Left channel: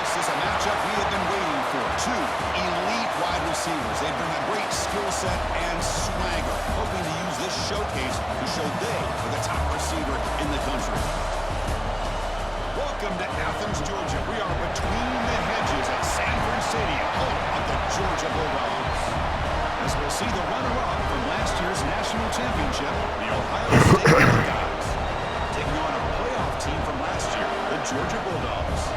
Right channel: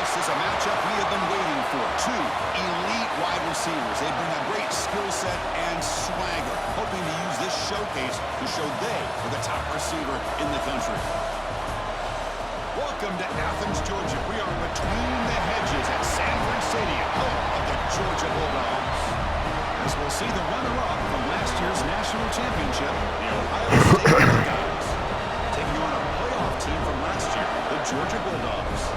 This is a matchup we have been waiting for. Two elite wide receivers. They bring a great skill set and swagger, hoping to use this showcase to show they are the top receiver in the country. Welcome to Athens, Georgia. We are between the hedges at Sanford Stadium, home of the Georgia Bulldogs. As we'll see the runner-up from last year's national championship, the Ohio State Buckeyes, taking on a playoff team from last year, the Georgia Bulldogs.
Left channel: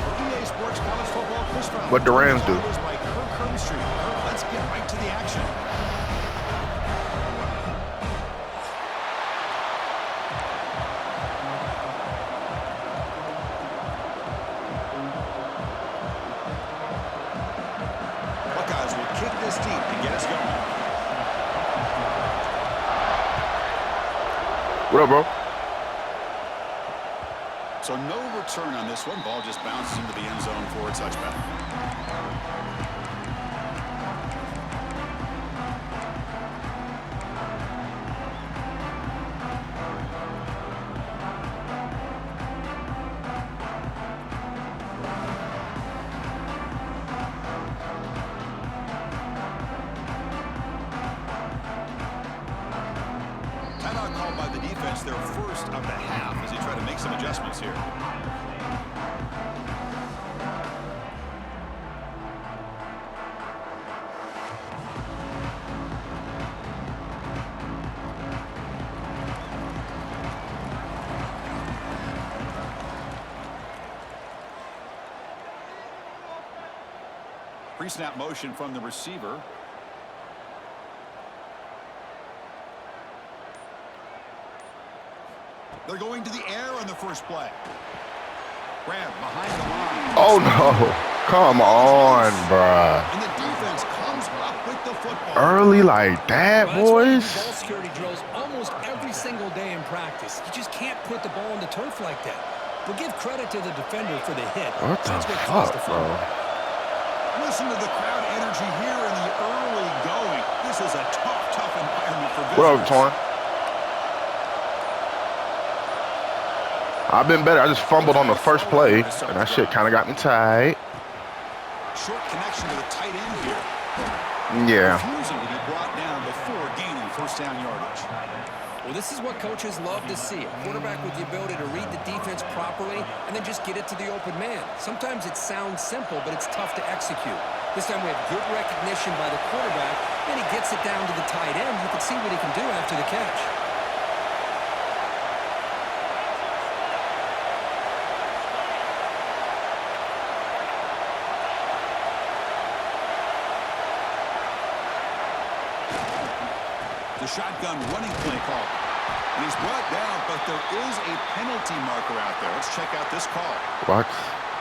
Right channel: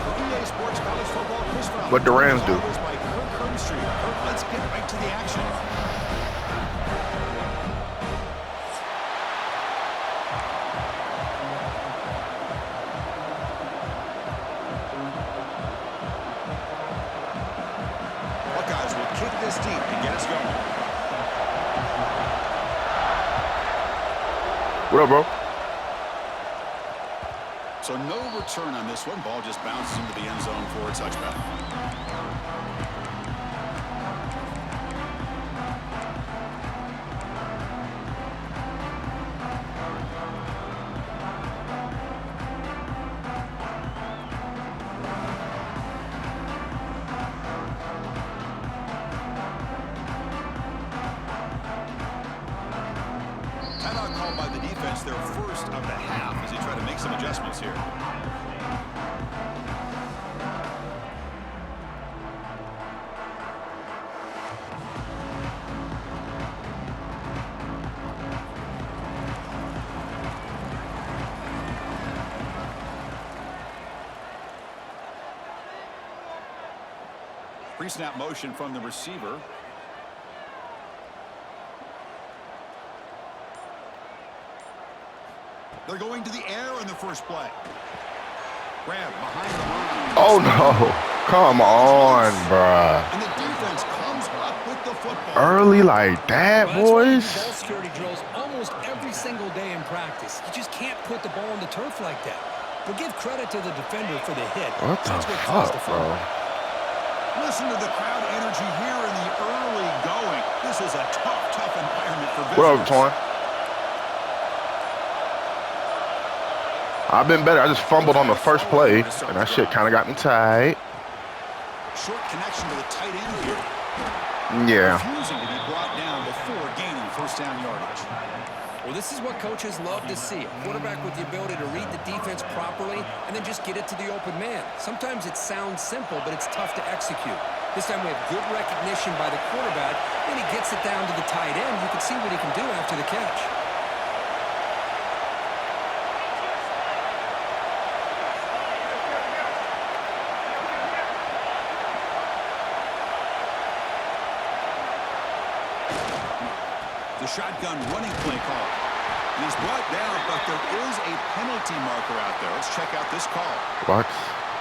For EA Sports College Football, Chris Fowler. What the Rams do? By Kirk Herbstreit. Kirk, let's get right to the action. Buckeyes will kick this deep and get us going. What up, bro? So no return on this one. Ball just bounces into the end zone for a touchback. Timeout called by the defense, their first of the half, as they try to make some adjustments here. Pre-snap motion from the receiver. They're going to the air on the first play. Grab behind the line. Oh, no. Come on, bruh. And the defense comes up with the football. Early like that, boys? Ball security drills almost every single day in practice. You just can't put the ball on the turf like that. But give credit to the defender for the hit. What the fuck, bro? Listen to the crowd energy here in the early going. This is a tough environment for visitors. What up, Torn? I've been better. I just fumbled on the first play, and that shit kind of got me tight. Short connection to the tight end here. Yeah. Refusing to be brought down before gaining first down yardage. Well, this is what coaches love to see. A quarterback with the ability to read the defense properly and then just get it to the open man. Sometimes it sounds simple, but it's tough to execute. This time we have good recognition by the quarterback. Then he gets it down to the tight end. You can see what he can do after the catch. The shotgun running play call. And he's brought down, but there is a penalty marker out there. Let's check out this call. What?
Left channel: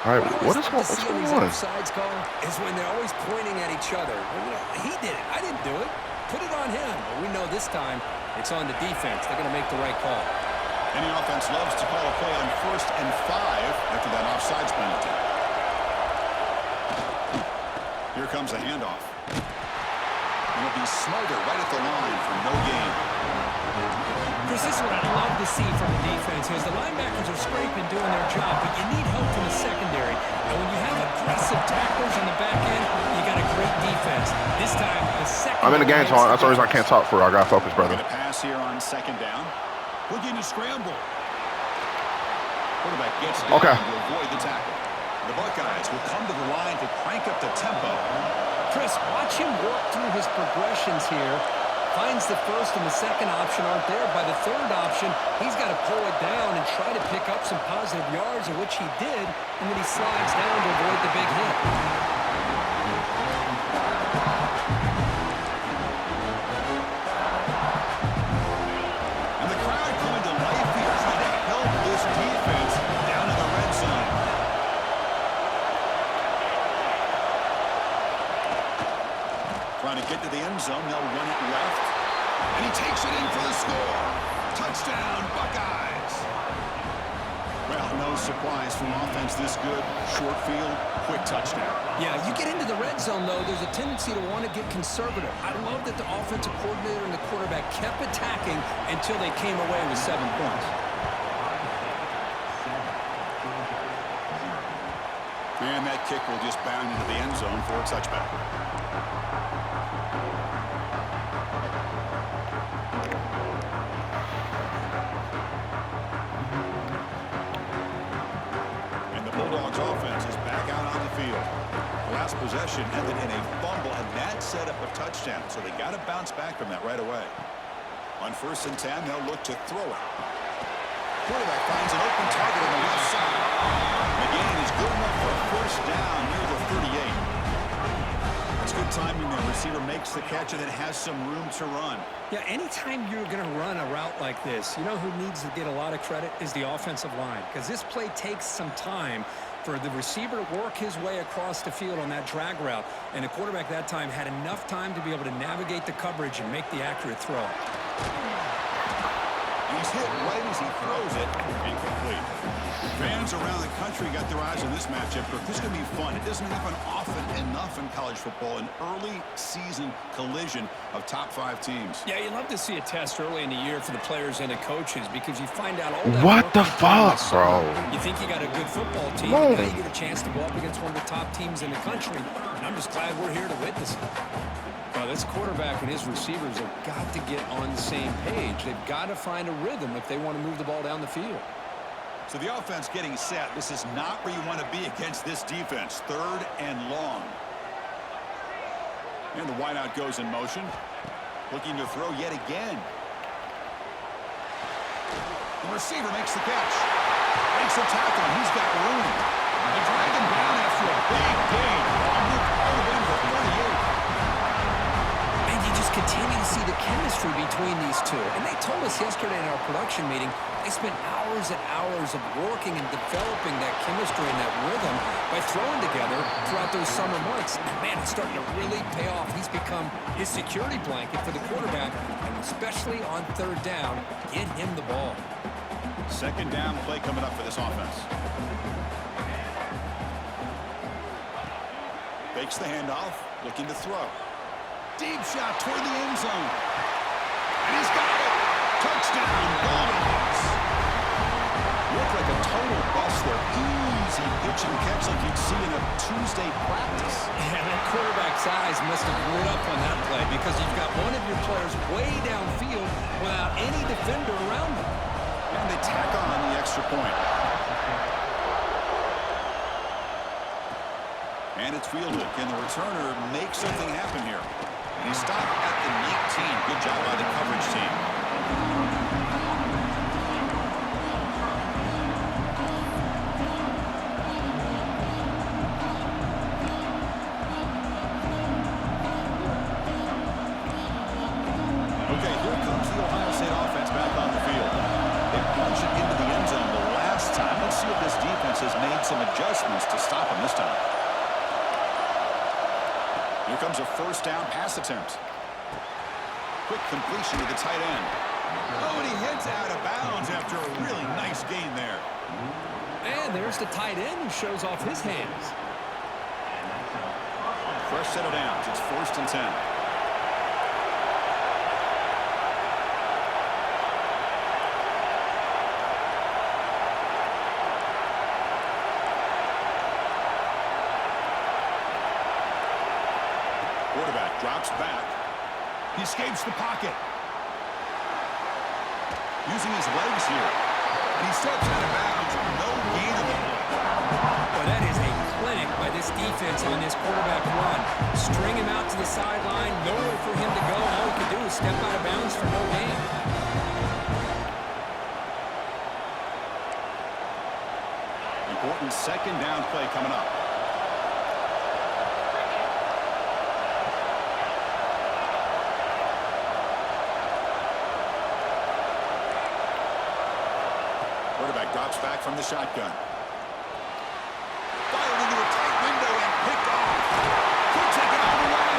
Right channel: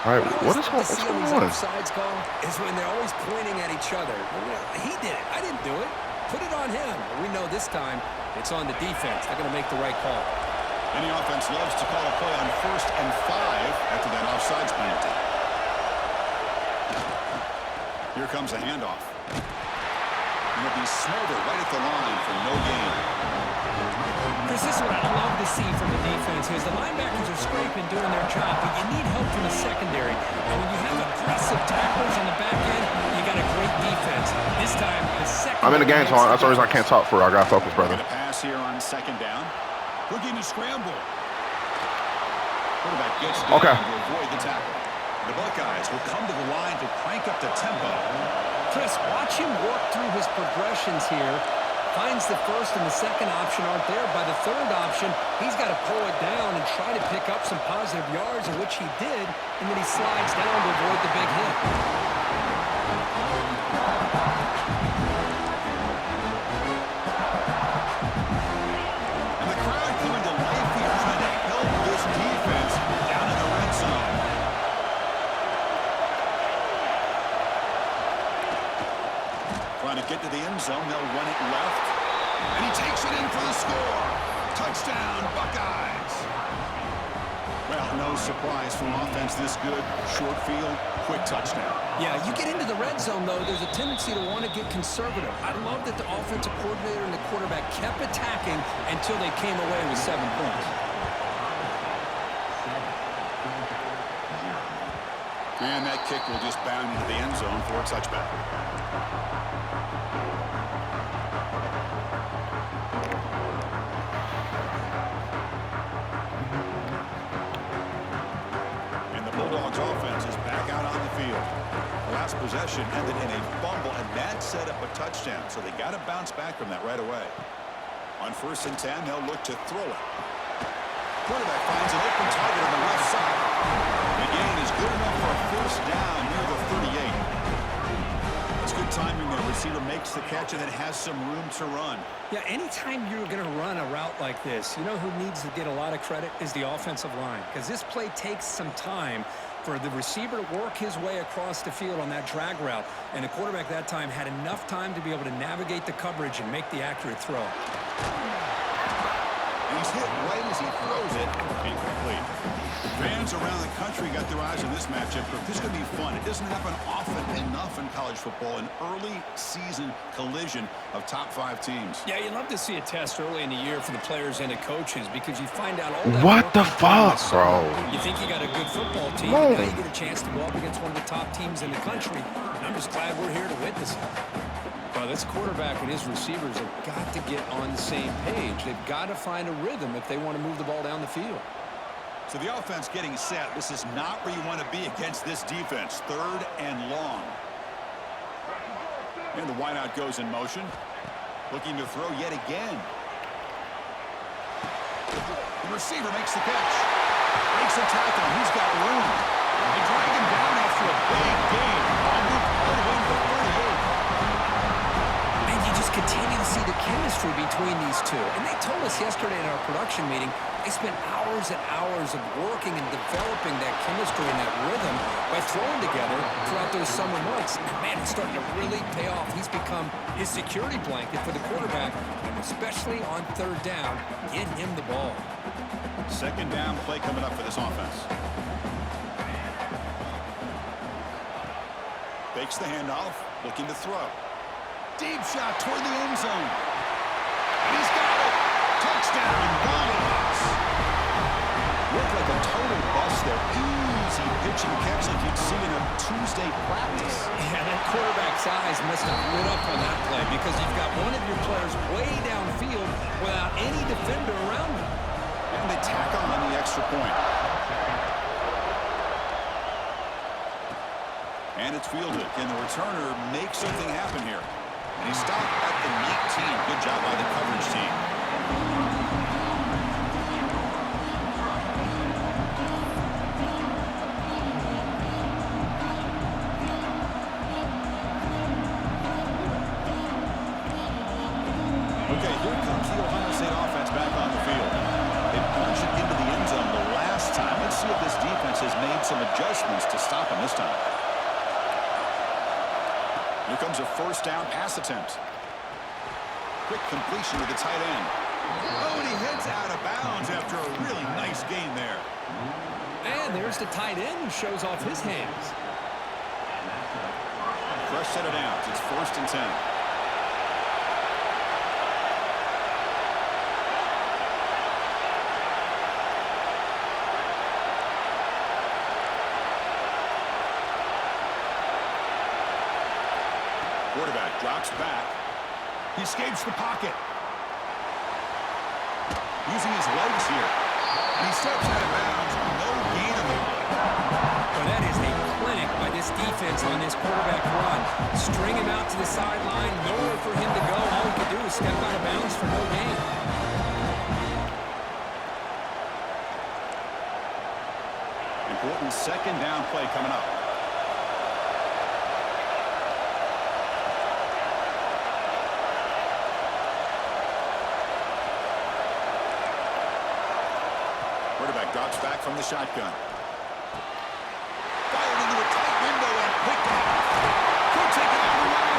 All right, what's going on? Offsides call is when they're always pointing at each other. Well, you know, he did it. I didn't do it. Put it on him. Well, we know this time it's on the defense. They're going to make the right call. Any offense loves to call a play on 1st and 5 after that offsides penalty. Here comes the handoff. And it'll be Smother right at the line for no gain. Chris, this is what I love to see from the defense is the linebackers are scraping, doing their job, but you need help from the secondary. And when you have aggressive tacklers on the back end, you got a great defense. This time, the secondary... I'm in the game, Tom. That's the reason I can't talk for. I got to focus, brother. A pass here on 2nd down. Looking to scramble. Quarterback gets down to avoid the tackle. The Buckeyes will come to the line to crank up the tempo. Chris, watch him work through his progressions here. Finds the first and the second option aren't there. By the third option, he's got to pull it down and try to pick up some positive yards, of which he did, and then he slides down to avoid the big hit. And the crowd coming to life here, trying to help this defense down in the red zone. Trying to get to the end zone. They'll run it left. And he takes it in for the score. Touchdown, Buckeyes. Well, no surprise from offense this good. Short field, quick touchdown. Yeah, you get into the red zone, though, there's a tendency to want to get conservative. I love that the offensive coordinator and the quarterback kept attacking until they came away with 7 points. And that kick will just bound into the end zone for a touchback. And the Bulldogs offense is back out on the field. The last possession ended in a fumble, and that set up a touchdown. So they got to bounce back from that right away. On 1st and 10, they'll look to throw it. Quarterback finds an open target on the left side. The gain is good enough for a 1st down near the 38. That's good timing there. Receiver makes the catch and then has some room to run. Yeah, anytime you're going to run a route like this, you know who needs to get a lot of credit is the offensive line, because this play takes some time for the receiver to work his way across the field on that drag route, and the quarterback that time had enough time to be able to navigate the coverage and make the accurate throw. And he's hit right as he throws it, incomplete. Fans around the country got their eyes on this matchup. This is going to be fun. It doesn't happen often enough in college football, an early season collision of top 5 teams. Yeah, you love to see a test early in the year for the players and the coaches, because you find out all that. What the fuck, bro? You think you got a good football team, and now you get a chance to go up against one of the top teams in the country. And I'm just glad we're here to witness it. Well, this quarterback and his receivers have got to get on the same page. They've got to find a rhythm if they want to move the ball down the field. So the offense getting set. This is not where you want to be against this defense. 3rd and long. And the wideout goes in motion. Looking to throw yet again. The receiver makes the catch. Breaks the tackle, and he's got room. They drag him down after a big gain. Ball moved all the way to the 38. And you just continue to see the chemistry between these two. And they told us yesterday in our production meeting, they spent hours and hours of working and developing that chemistry and that rhythm by throwing together throughout those summer months. And man, it's starting to really pay off. He's become his security blanket for the quarterback, and especially on 3rd down, get him the ball. 2nd down play coming up for this offense. Fakes the handoff, looking to throw. Deep shot toward the end zone. And he's got it. Touchdown, Bulldogs. Looked like a total bust there. Easy pitch and catch like you'd see in a Tuesday practice. Yeah, that quarterback's eyes must have lit up on that play, because you've got one of your players way downfield without any defender around him. And they tack on the extra point. And it's fielded. Can the returner make something happen here? And he stopped at the 19. Good job by the coverage team. Okay, here comes the Ohio State offense back on the field. They punched it into the end zone the last time. Let's see if this defense has made some adjustments to stop them this time. Here comes a 1st down pass attempt. Quick completion to the tight end. Oh, and he heads out of bounds after a really nice gain there. And there's the tight end who shows off his hands. Fresh set of downs. It's 1st and 10. Quarterback drops back. He escapes the pocket. Using his legs here. And he steps out of bounds. No gain on the play. Well, that is a clinic by this defense on this quarterback run. String him out to the sideline. Nowhere for him to go. All he could do is step out of bounds for no gain. Important 2nd down play coming up. Quarterback drops back from the shotgun. Fired into a tight window and picked off. Could take it all the way.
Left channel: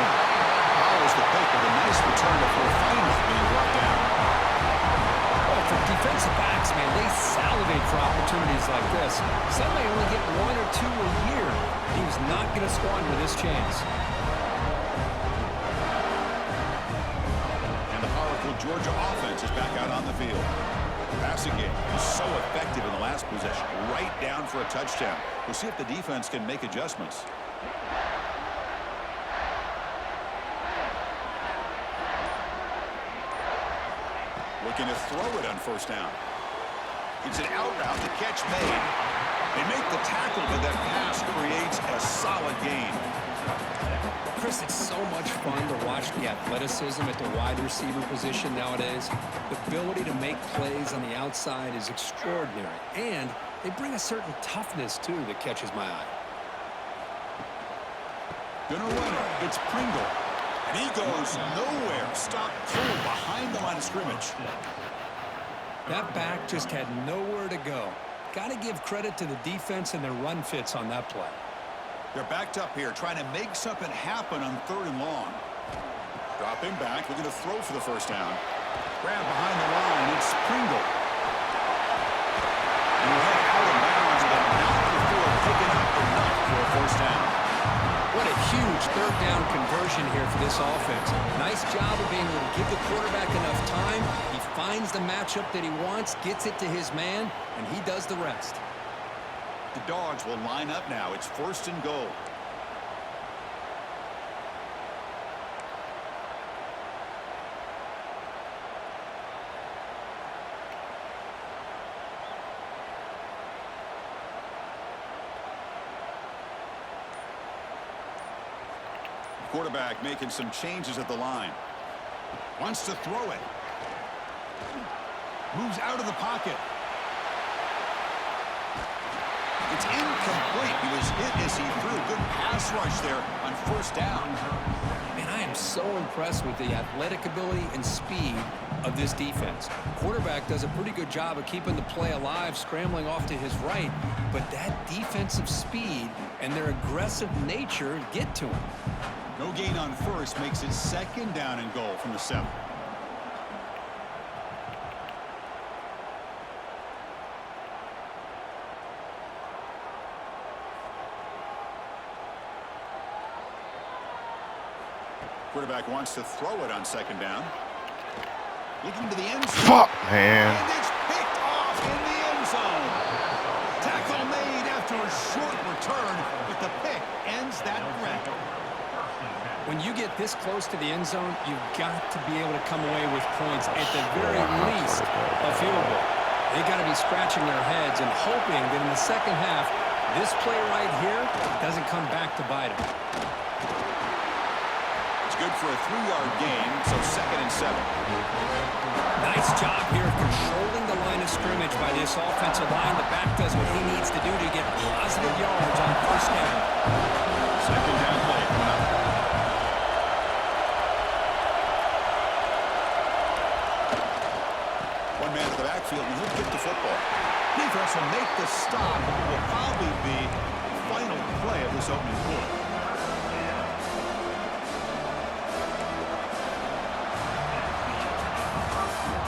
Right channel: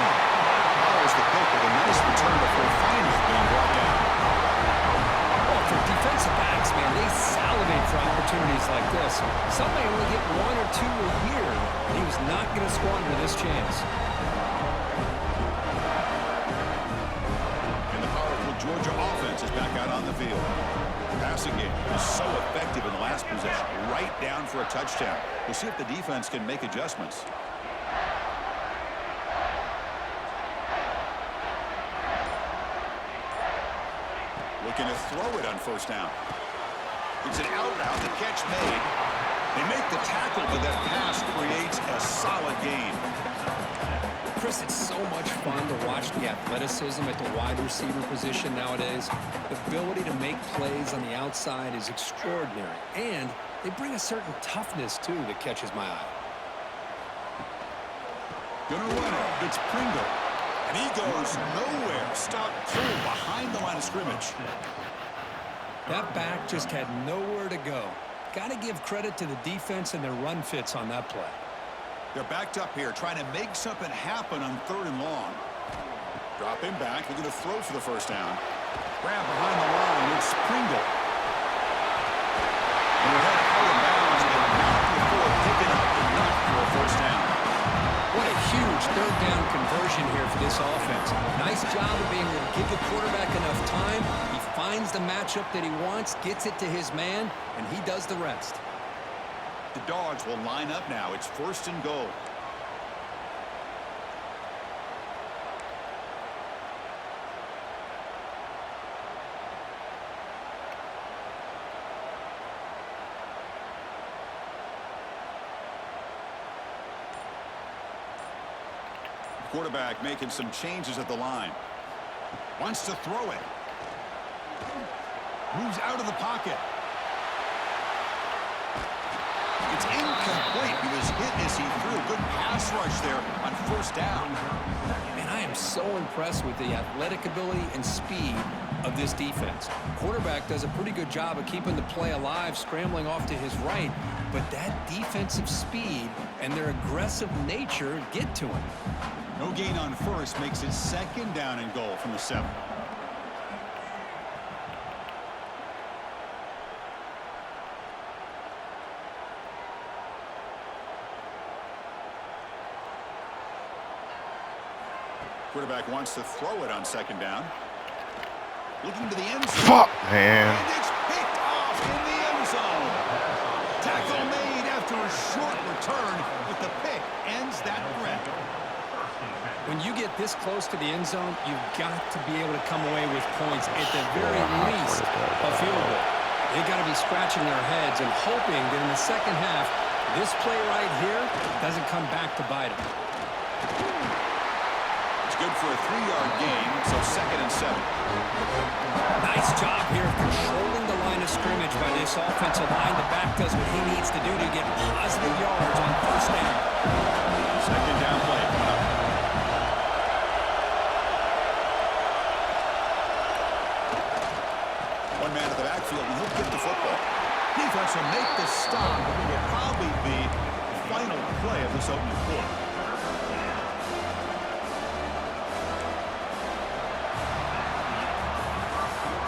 Follows the pick with a nice return before finally being brought down. Well, for defensive backs, man, they salivate for opportunities like this. Some may only get 1 or 2 a year. He was not going to squander this chance. And the powerful Georgia offense is back out on the field. Passing game is so effective in the last possession. Right down for a touchdown. We'll see if the defense can make adjustments. Looking to throw it on first down. It's an out route. The catch made. They make the tackle, but that pass creates a solid gain. Chris, it's so much fun to watch the athleticism at the wide receiver position nowadays. The ability to make plays on the outside is extraordinary, and they bring a certain toughness, too, that catches my eye. Gonna run it. It's Pringle. And he goes nowhere. Stop cold behind the line of scrimmage. That back just had nowhere to go. Got to give credit to the defense and their run fits on that play. They're backed up here, trying to make something happen on 3rd and long. Dropping back, looking to throw for the first down. Grab behind the line, it's Pringle. And we're headed out of bounds, but not before picking up enough for a first down. What a huge 3rd down conversion here for this offense. Nice job of being able to give the quarterback enough time. He finds the matchup that he wants, gets it to his man, and he does the rest. The Dogs will line up now. It's 1st and goal. Quarterback making some changes at the line. Wants to throw it. Moves out of the pocket. It's incomplete. He was hit as he threw. Good pass rush there on first down. Man, I am so impressed with the athletic ability and speed of this defense. Quarterback does a pretty good job of keeping the play alive, scrambling off to his right, but that defensive speed and their aggressive nature get to him. No gain on first makes it 2nd down and goal from the 7. Quarterback wants to throw it on 2nd down. Looking to the end zone. Fuck, man. And it's picked off in the end zone. Tackle made after a short return, but the pick ends that threat. When you get this close to the end zone, you've got to be able to come away with points, at the very least a field goal. They got to be scratching their heads and hoping that in the second half, this play right here doesn't come back to bite them. It's good for a 3-yard gain, so 2nd and 7. Nice job here of controlling the line of scrimmage by this offensive line. The back does what he needs to do to get positive yards on first down. 2nd down play coming up. One man at the backfield, and he'll get the football. Defense will make the stop, but it will probably be the final play of this opening quarter.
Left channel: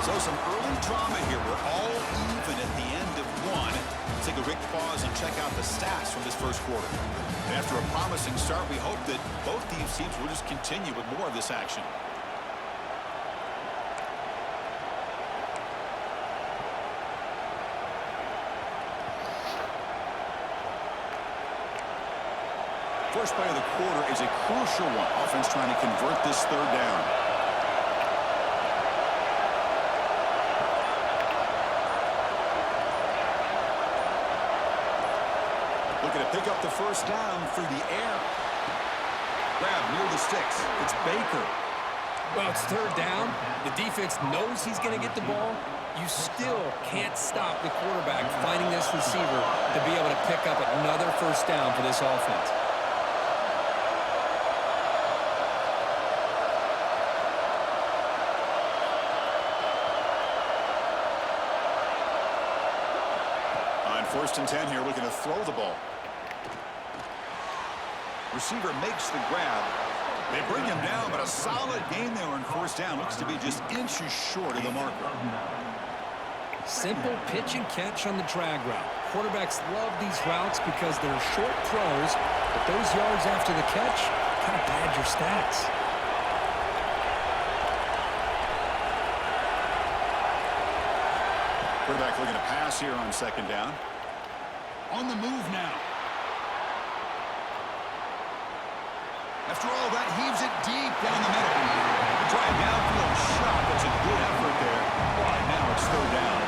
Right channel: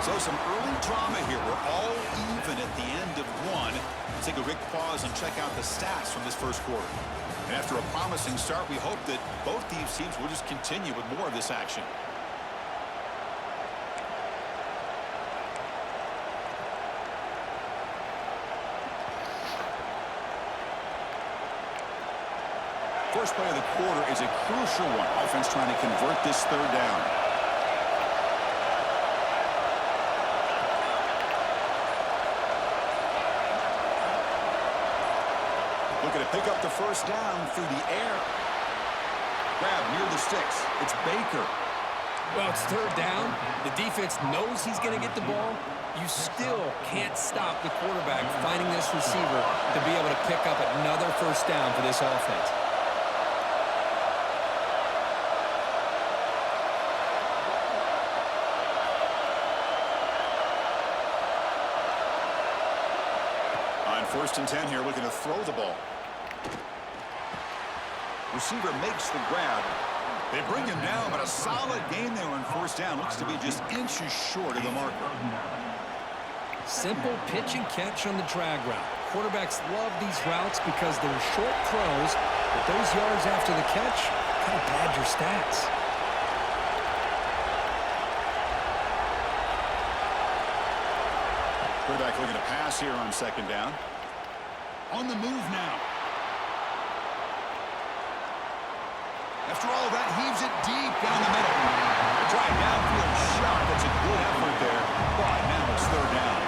So some early drama here. We're all even at the end of one. Let's take a quick pause and check out the stats from this first quarter. And after a promising start, we hope that both these teams will just continue with more of this action. First play of the quarter is a crucial one. Offense trying to convert this 3rd down. Looking to pick up the first down through the air. Grab near the sticks. It's Baker. Well, it's 3rd down. The defense knows he's going to get the ball. You still can't stop the quarterback finding this receiver to be able to pick up another first down for this offense. On 1st and 10 here, looking to throw the ball. Receiver makes the grab. They bring him down, but a solid gain there on first down. Looks to be just inches short of the marker. Simple pitch and catch on the drag route. Quarterbacks love these routes because they're short throws, but those yards after the catch kind of pad your stats. Quarterback looking to pass here on second down. On the move now. After all that, heaves it deep down the middle. They try a downfield shot. That's a good effort there. But now it's third down.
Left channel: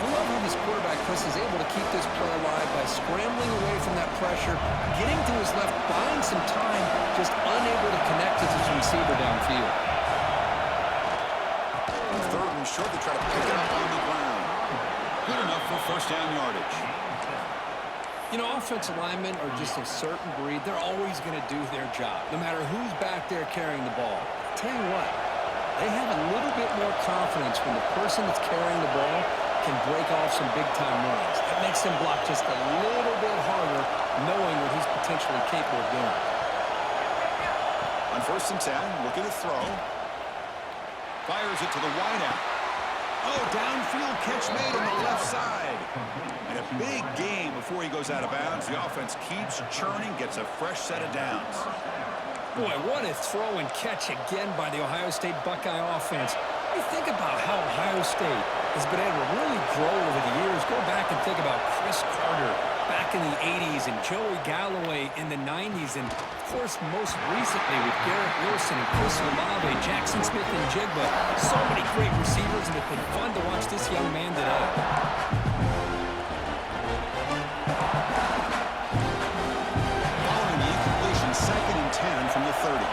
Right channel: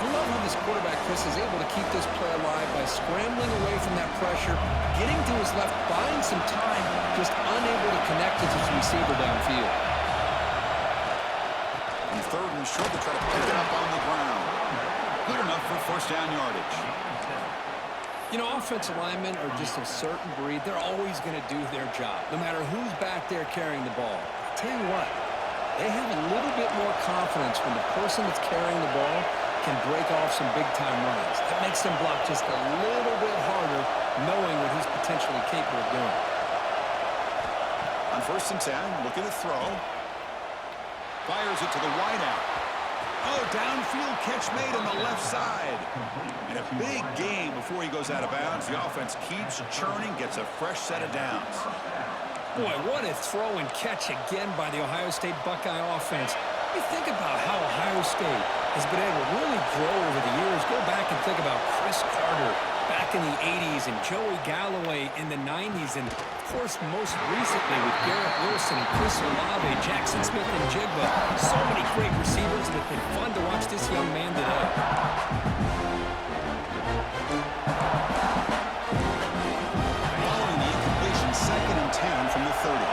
I love how this quarterback, Chris, is able to keep this play alive by scrambling away from that pressure, getting to his left, buying some time, just unable to connect with his receiver downfield. On third and short, they try to pick it up on the ground. Good enough for first down yardage. You know, offensive linemen are just a certain breed. They're always going to do their job, no matter who's back there carrying the ball. I'll tell you what, they have a little bit more confidence when the person that's carrying the ball can break off some big-time runs. That makes them block just a little bit harder, knowing what he's potentially capable of doing. On first and 10, looking to throw. Fires it to the wideout. Oh, downfield catch made on the left side. And a big gain before he goes out of bounds. The offense keeps churning, gets a fresh set of downs. Boy, what a throw and catch again by the Ohio State Buckeye offense. You think about how Ohio State has been able to really grow over the years. Go back and think about Chris Carter back in the 80s and Joey Galloway in the 90s. And, of course, most recently with Garrett Wilson and Chris Olave, Jackson Smith and Jigba. So many great receivers, and it's been fun to watch this young man today. Following the incompletion, second and 10 from the 30.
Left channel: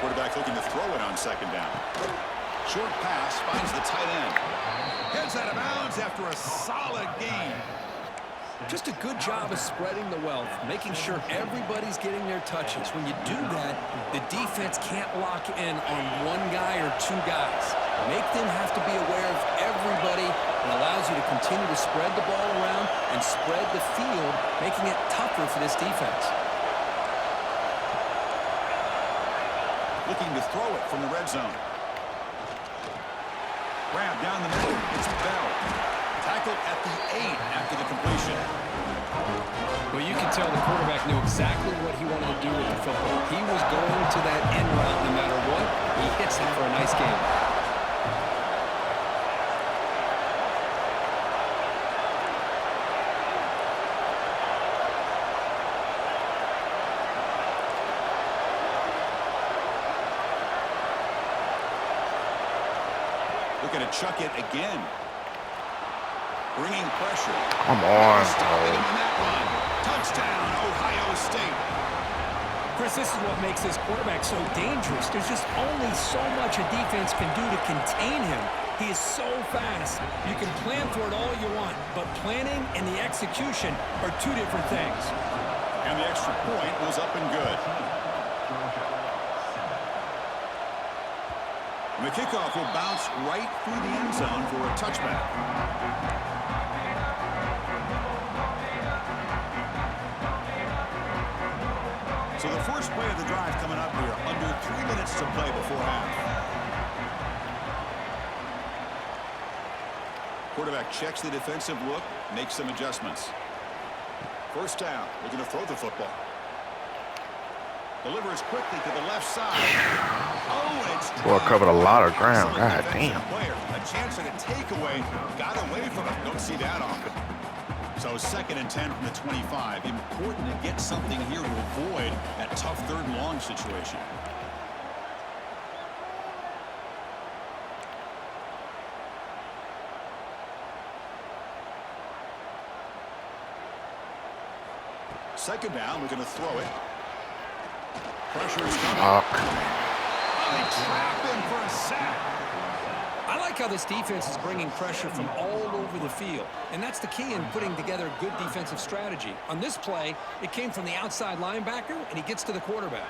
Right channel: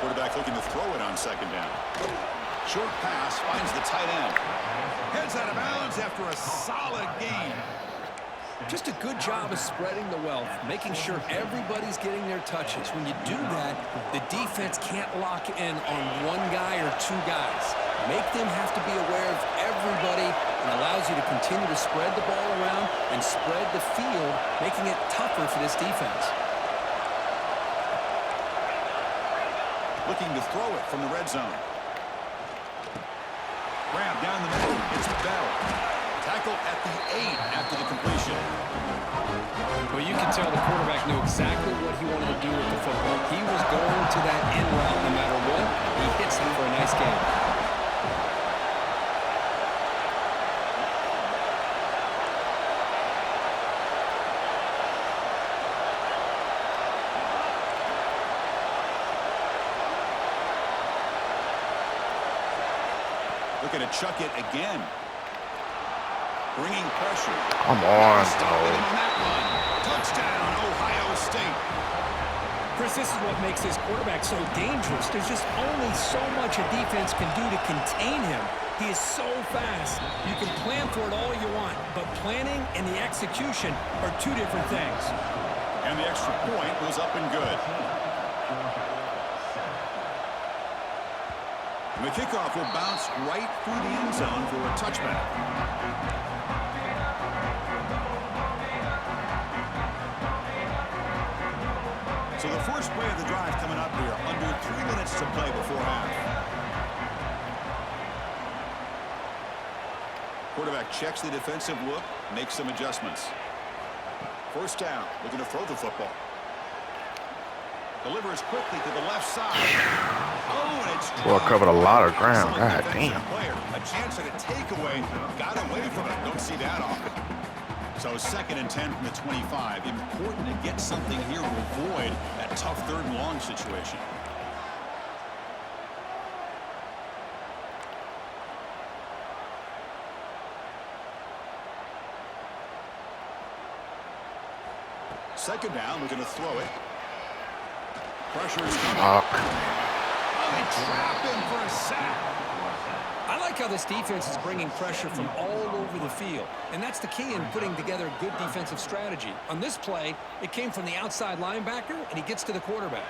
Quarterback looking to throw it on second down. Short pass finds the tight end. Heads out of bounds after a solid gain. Just a good job of spreading the wealth, making sure everybody's getting their touches. When you do that, the defense can't lock in on one guy or two guys. Make them have to be aware of everybody, and allows you to continue to spread the ball around and spread the field, making it tougher for this defense. Looking to throw it from the red zone. Grab down the middle. It's Bell. Tackled at the 8 after the completion. Well, you can tell the quarterback knew exactly what he wanted to do with the football. He was going to that in route no matter what. He hits it for a nice game. Looking to chuck it again. Bringing pressure. Come on, Stopping him bro. on that run. Touchdown, Ohio State. Chris, this is what makes this quarterback so dangerous. There's just only so much a defense can do to contain him. He is so fast. You can plan for it all you want, but planning and the execution are two different things. And the extra point was up and good. And the kickoff will bounce right through the end zone for a touchback. So the first play of the drive coming up here. Under 3 minutes to play before half. Quarterback checks the defensive look, makes some adjustments. First down, looking to throw the football. Delivers quickly to the left side. Oh, and it's Boy, covered a lot of ground. God damn. Player. A chance at a takeaway. Got away from it. Don't see that often. So second and 10 from the 25. Important to get something here to avoid that tough third and long situation. Second down, we're going to throw it. Pressure is coming. Oh, they trap him for a sack. I like how this defense is bringing pressure from all over the field, and that's the key in putting together a good defensive strategy. On this play, it came from the outside linebacker, and he gets to the quarterback.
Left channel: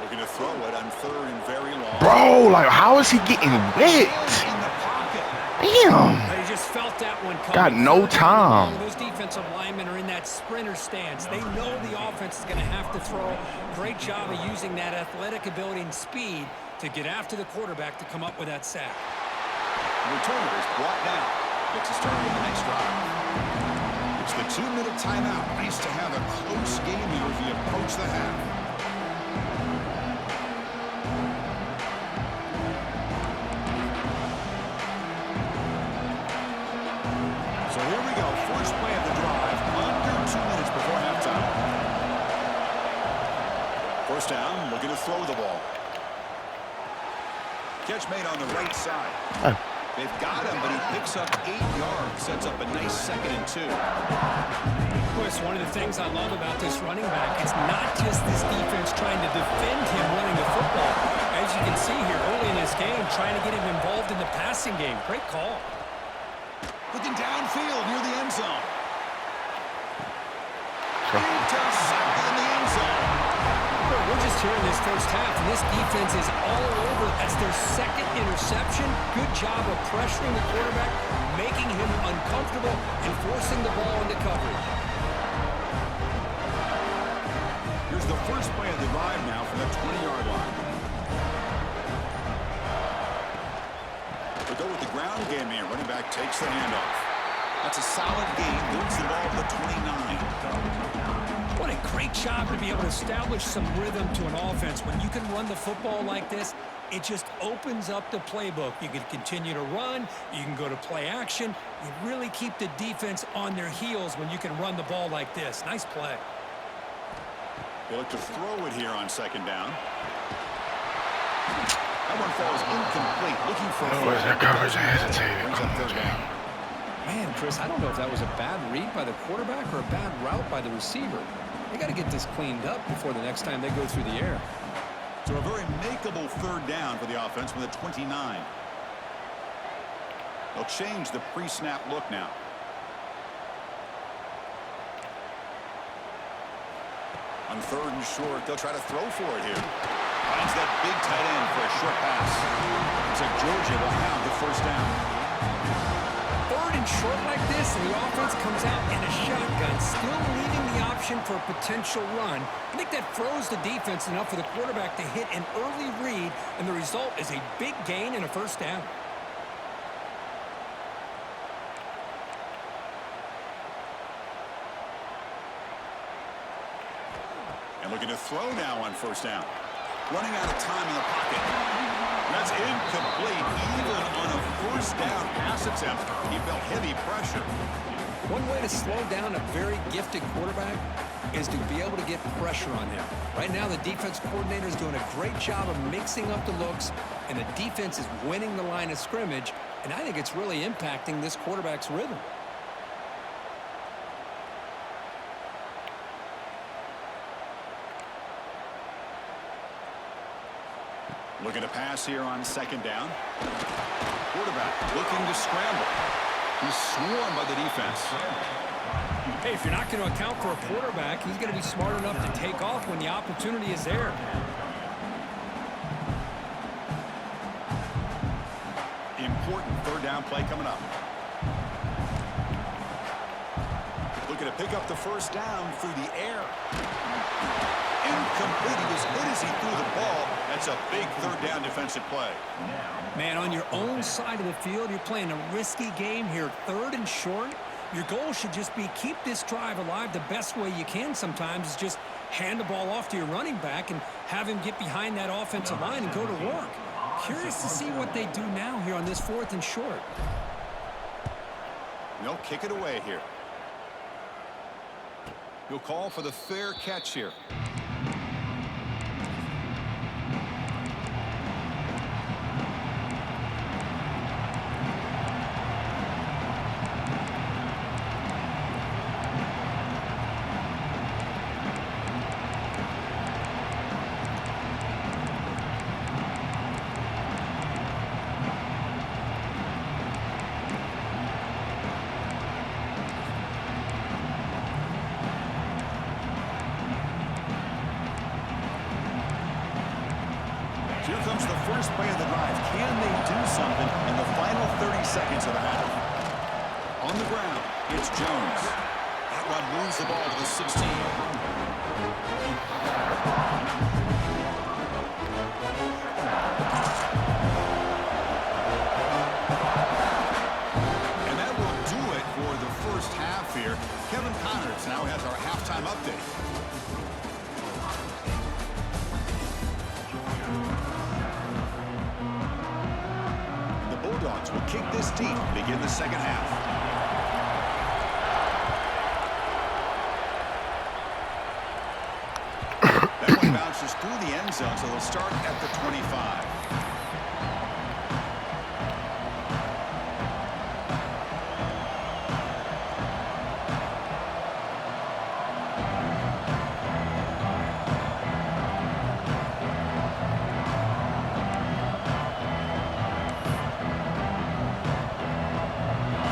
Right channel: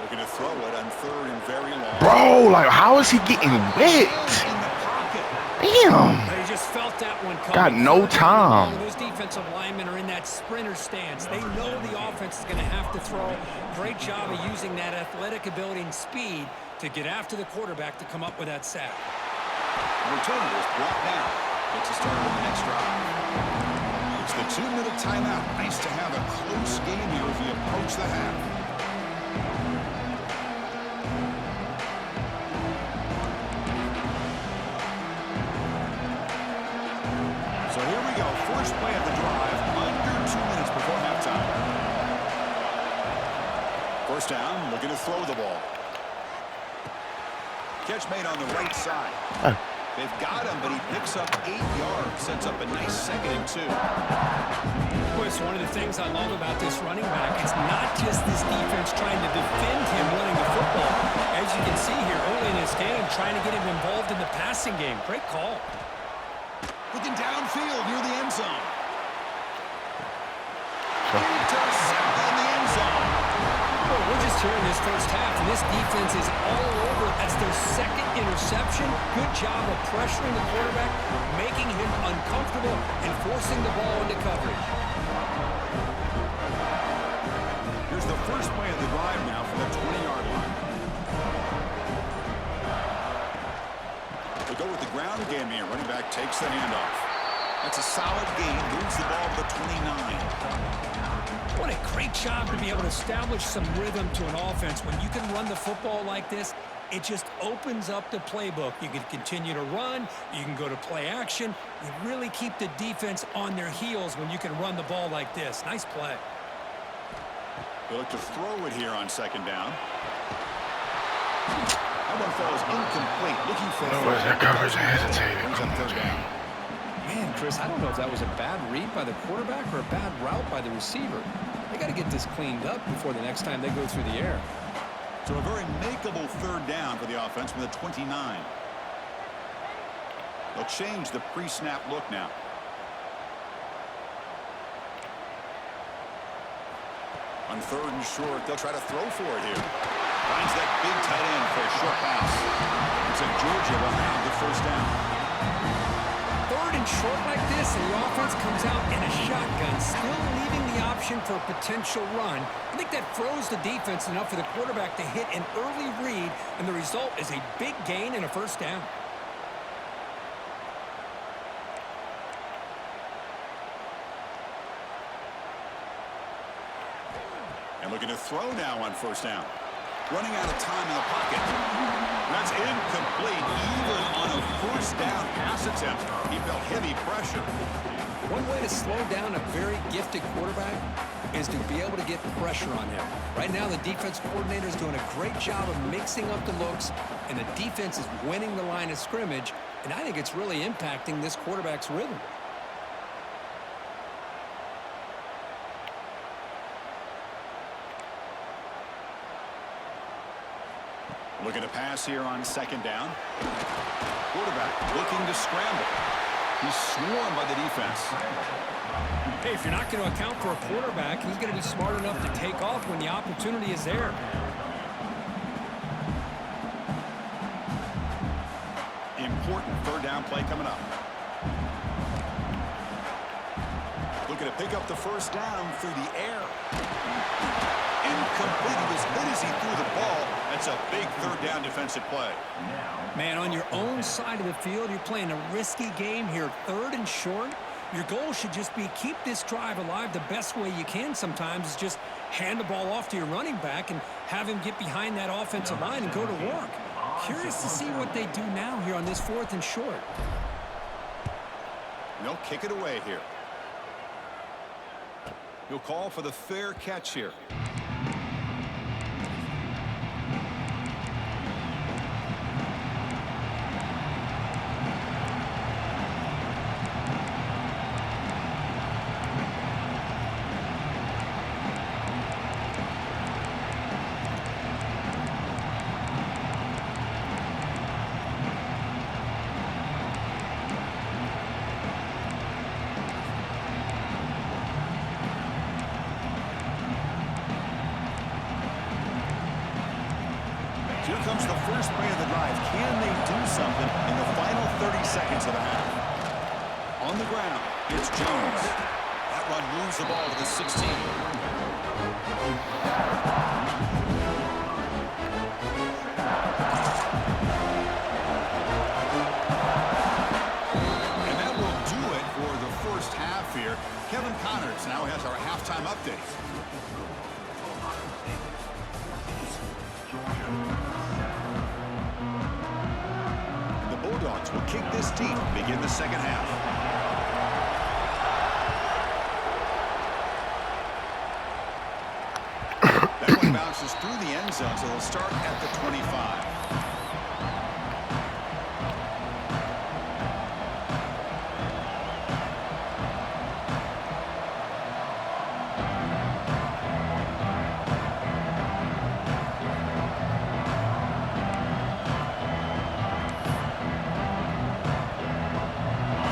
Looking to throw it on third and very long. Bro, like, how is he getting wet? In the pocket. Damn. They just felt that one coming. Got no time. Those defensive linemen are in that sprinter stance. They know the offense is going to have to throw. Great job of using that athletic ability and speed to get after the quarterback to come up with that sack. The returner is brought down. Gets us started on the next drive. It's the 2-minute timeout. Nice to have a close game here as we approach the half. So here we go. First play of the drive. Under 2 minutes before halftime. First down. Looking to throw the ball. Catch made on the right side. They've got him, but he picks up 8 yards. Sets up a nice 2nd and 2. Chris, one of the things I love about this running back is not just this defense trying to defend him running the football. As you can see here early in this game, trying to get him involved in the passing game. Great call. Looking downfield near the end zone. Intercepted in the end zone. Well, we're just here in this first half, and this defense is all over. That's their 2nd interception. Good job of pressuring the quarterback, making him uncomfortable, and forcing the ball into coverage. Here's the first play of the drive now from the 20-yard line. They go with the ground game here. Running back takes the handoff. That's a solid gain. Moves the ball to the 29. What a great job to be able to establish some rhythm to an offense. When you can run the football like this, it just opens up the playbook. You can continue to run. You can go to play action. You really keep the defense on their heels when you can run the ball like this. Nice play. They look to throw it here on 2nd down. That one falls incomplete. Looking for That coverage hesitated. Brings up 3rd down. Man, Chris, I don't know if that was a bad read by the quarterback or a bad route by the receiver. They got to get this cleaned up before the next time they go through the air. So a very makeable 3rd down for the offense from the 29. They'll change the pre-snap look now. On 3rd and short, they'll try to throw for it here. Finds that big tight end for a short pass. Looks like Georgia will have the first down. 3rd and short like this, and the offense comes out in a shotgun, still leaving the option for a potential run. I think that froze the defense enough for the quarterback to hit an early read, and the result is a big gain and a first down. And looking to throw now on 1st down. Running out of time in the pocket. That's incomplete. Even on a 1st down pass attempt, he felt heavy pressure. One way to slow down a very gifted quarterback is to be able to get pressure on him. Right now, the defense coordinator is doing a great job of mixing up the looks, and the defense is winning the line of scrimmage, and I think it's really impacting this quarterback's rhythm. Looking to pass here on 2nd down. Quarterback looking to scramble. He's swarmed by the defense. Hey, if you're not going to account for a quarterback, he's going to be smart enough to take off when the opportunity is there. Important 3rd down play coming up. Looking to pick up the first down through the air. Incomplete. He was hit as he threw the ball. That's a big 3rd down defensive play. Man, on your own side of the field, you're playing a risky game here. 3rd and short. Your goal should just be keep this drive alive the best way you can sometimes is just hand the ball off to your running back and have him get behind that offensive line and go to work. Curious to see what they do now here on this 4th and short. They'll kick it away here. He'll call for the fair catch here. comes the first play of the drive. Can they do something in the final 30 seconds of the half? On the ground, it's Jones. That run moves the ball to the 16. And that will do it for the first half here. Kevin Connors now has our halftime update. The Bulldogs will kick this deep to begin the second half. That one bounces through the end zone, so they'll start at the 25.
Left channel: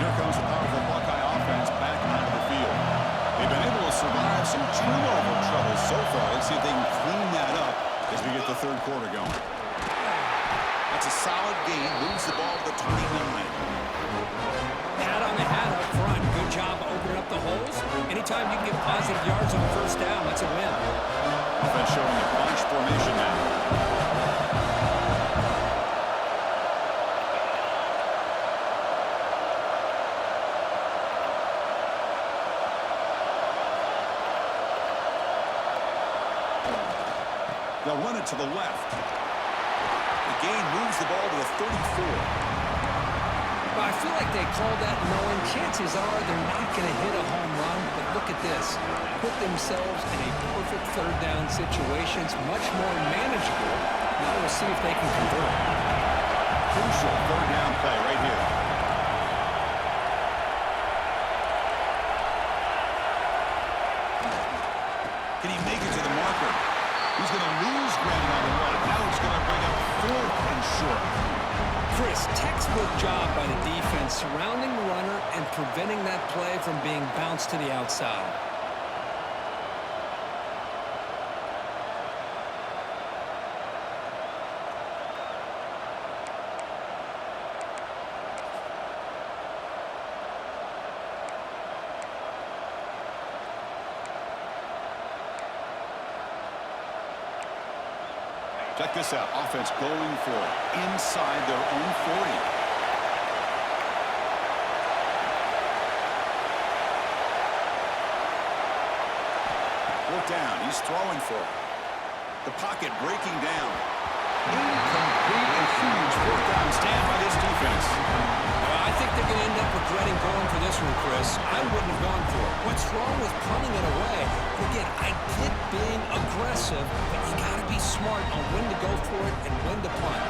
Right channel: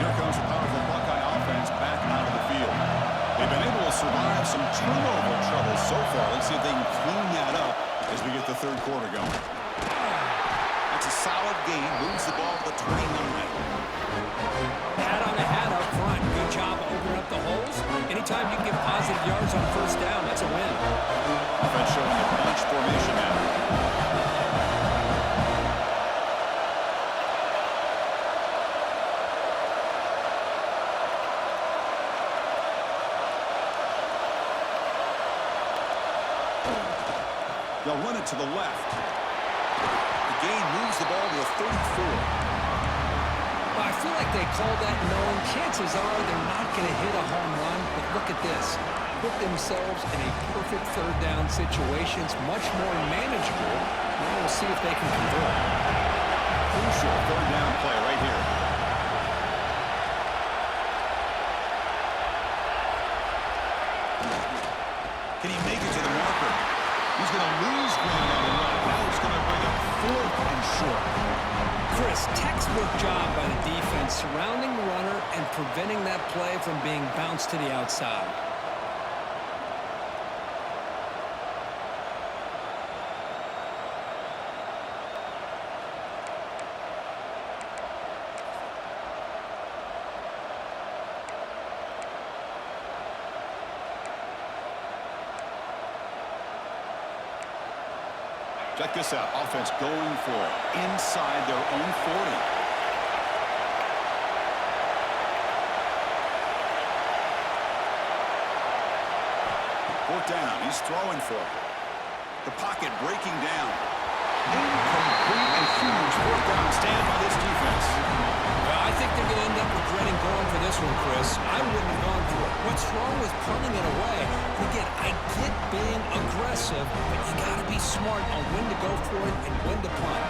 Here comes the powerful Buckeye offense back onto the field. They've been able to survive some turnover trouble so far. Let's see if they can clean that up as we get the third quarter going. That's a solid gain. Moves the ball to the 29. Hat on the hat up front. Good job opening up the holes. Anytime you can get positive yards on first down, that's a win. Offense showing a bunch formation now. They'll run it to the left. The gain moves the ball to the 34. Well, I feel like they called that knowing chances are they're not going to hit a home run, but look at this. Put themselves in a perfect third down situation. It's much more manageable. Now we'll see if they can convert. Crucial third down play right here. Can he make it to the marker? He's going to lose ground on the run. Now it's going to bring up 4th and short. Chris, textbook job by the defense surrounding the runner and preventing that play from being bounced to the outside. Check this out. Offense going for it inside their own 40. Fourth down. He's throwing for it. The pocket breaking down. Incomplete and huge fourth down stand by this defense. Well, I think they're going to end up regretting going for this one, Chris. I wouldn't have gone for it. What's wrong with punting it away? And again, I get being aggressive, but you got to be smart on when to go for it and when to punt.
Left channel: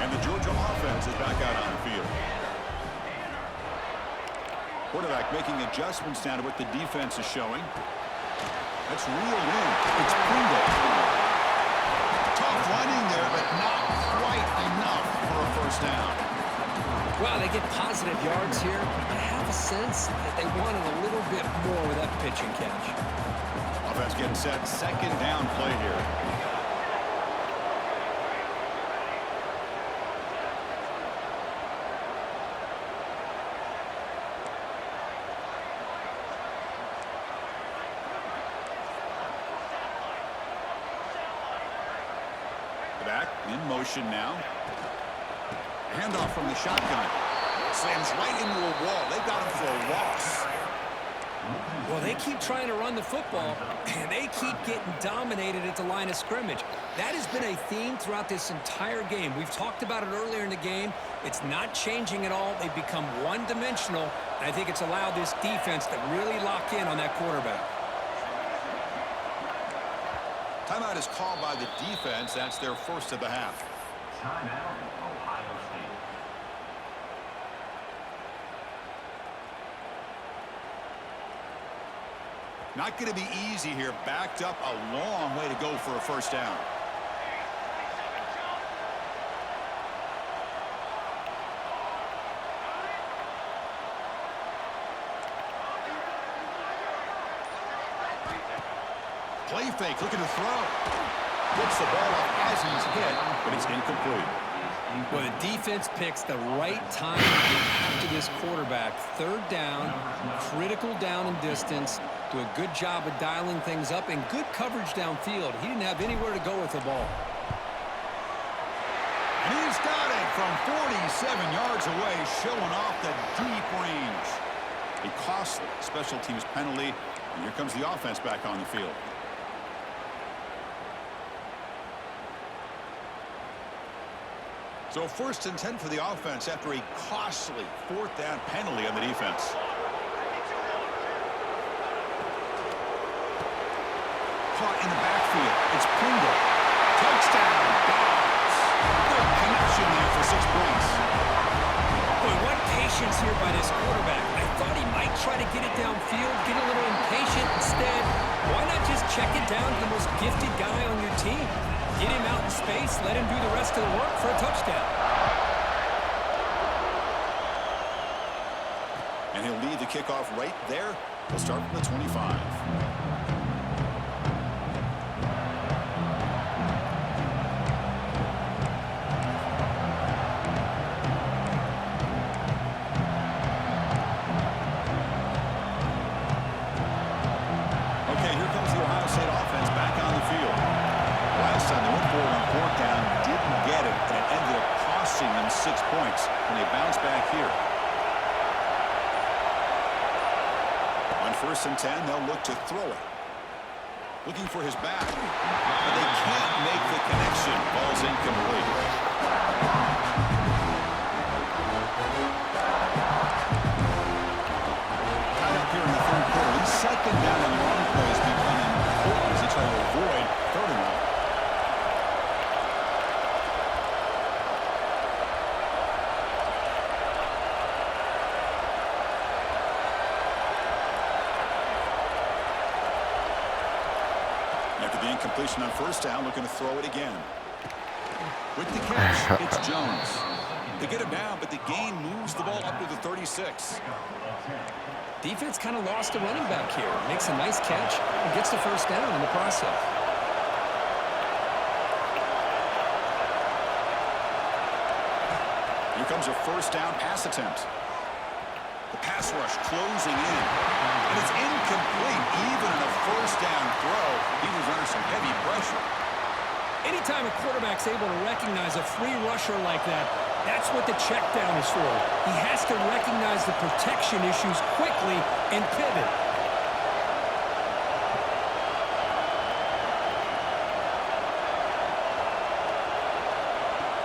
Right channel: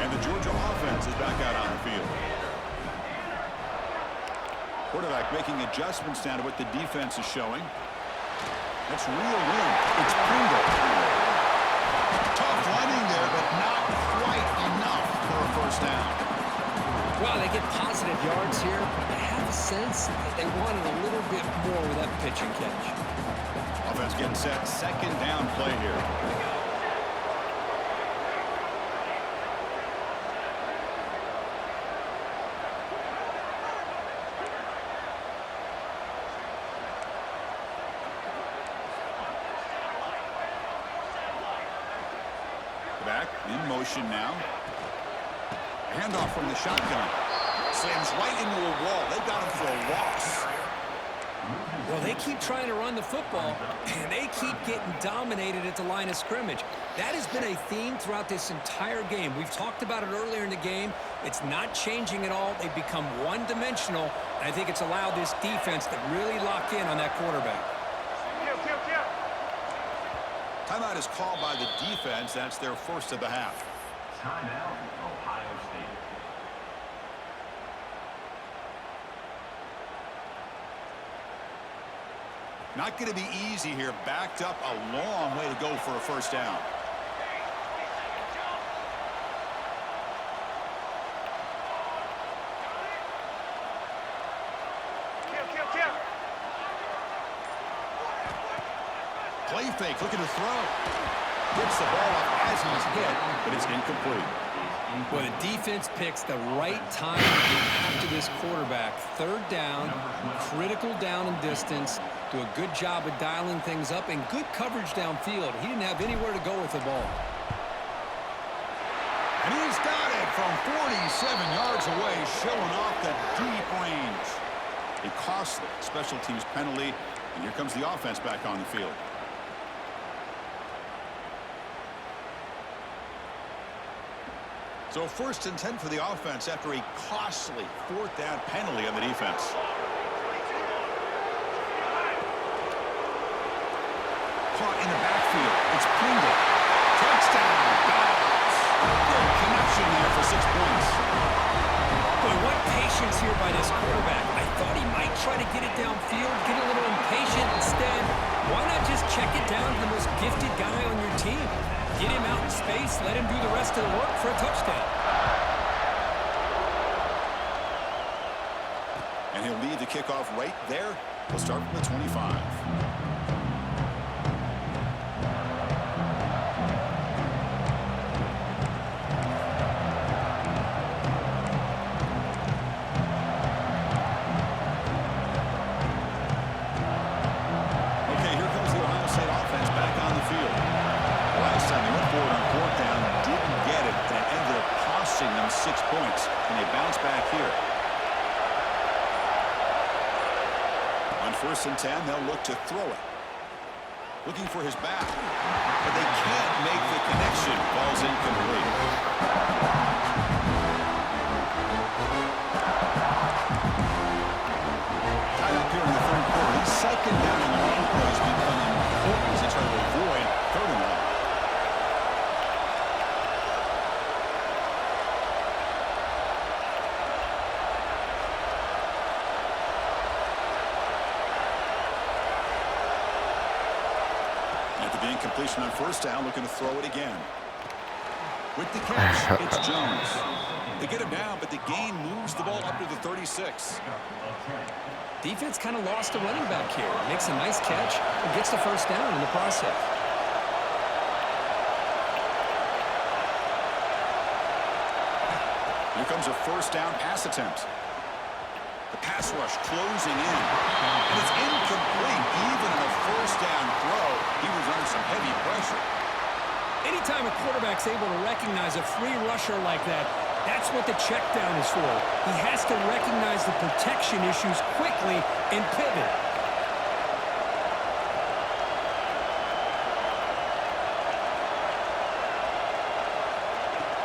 And the Georgia offense is back out on the field. Quarterback making adjustments now to what the defense is showing. That's real in. It's Pringle. Tough running there, but not quite enough for a first down. Well, they get positive yards here, but I have a sense that they wanted a little bit more with that pitch and catch. Offense getting set. Second down play here. Back in motion now. Handoff from the shotgun. Slams right into a wall. They got him for a loss. Well, they keep trying to run the football, and they keep getting dominated at the line of scrimmage. That has been a theme throughout this entire game. We've talked about it earlier in the game. It's not changing at all. They've become one-dimensional, and I think it's allowed this defense to really lock in on that quarterback. Timeout is called by the defense. That's their first of the half. Timeout, Ohio State. Not going to be easy here. Backed up a long way to go for a first down. Play fake, looking to throw. Gets the ball up as he's hit, but it's incomplete. Well, the defense picks the right time to get after this quarterback. Third down, critical down and distance. Do a good job of dialing things up and good coverage downfield. He didn't have anywhere to go with the ball. And he's got it from 47 yards away, showing off the deep range. A costly special teams penalty, and here comes the offense back on the field. So 1st and 10 for the offense after a costly 4th down penalty on the defense. Caught in the backfield. It's Pringle. Touchdown, Dogs. Great connection there for 6 points. Boy, what patience here by this quarterback. I thought he might try to get it downfield, get a little impatient. Instead, why not just check it down to the most gifted guy on your team? Get him out in space, let him do the rest of the work for a touchdown. And he'll lead the kickoff right there. He'll start from the 25. Okay, here comes the Ohio State offense back on the field. Last time they went forward on 4th down, didn't get it, and it ended up costing them 6 points. And they bounce back here. On 1st and 10, they'll look to throw it. Looking for his back, but they can't make the connection. Ball's incomplete. Tied up here in the 3rd quarter. These 2nd down and long plays become important as they try to avoid 3rd and long. After the incompletion on 1st down, looking to throw it again. With the catch, it's Jones. They get him down, but the gain moves the ball up to the 36. Defense kind of lost a running back here. Makes a nice catch and gets the 1st down in the process. Here comes a 1st down pass attempt. The pass rush closing in. And it's incomplete. Even in a 1st down throw, he was under some heavy pressure. Anytime a quarterback's able to recognize a free rusher like that, that's what the check down is for. He has to recognize the protection issues quickly and pivot.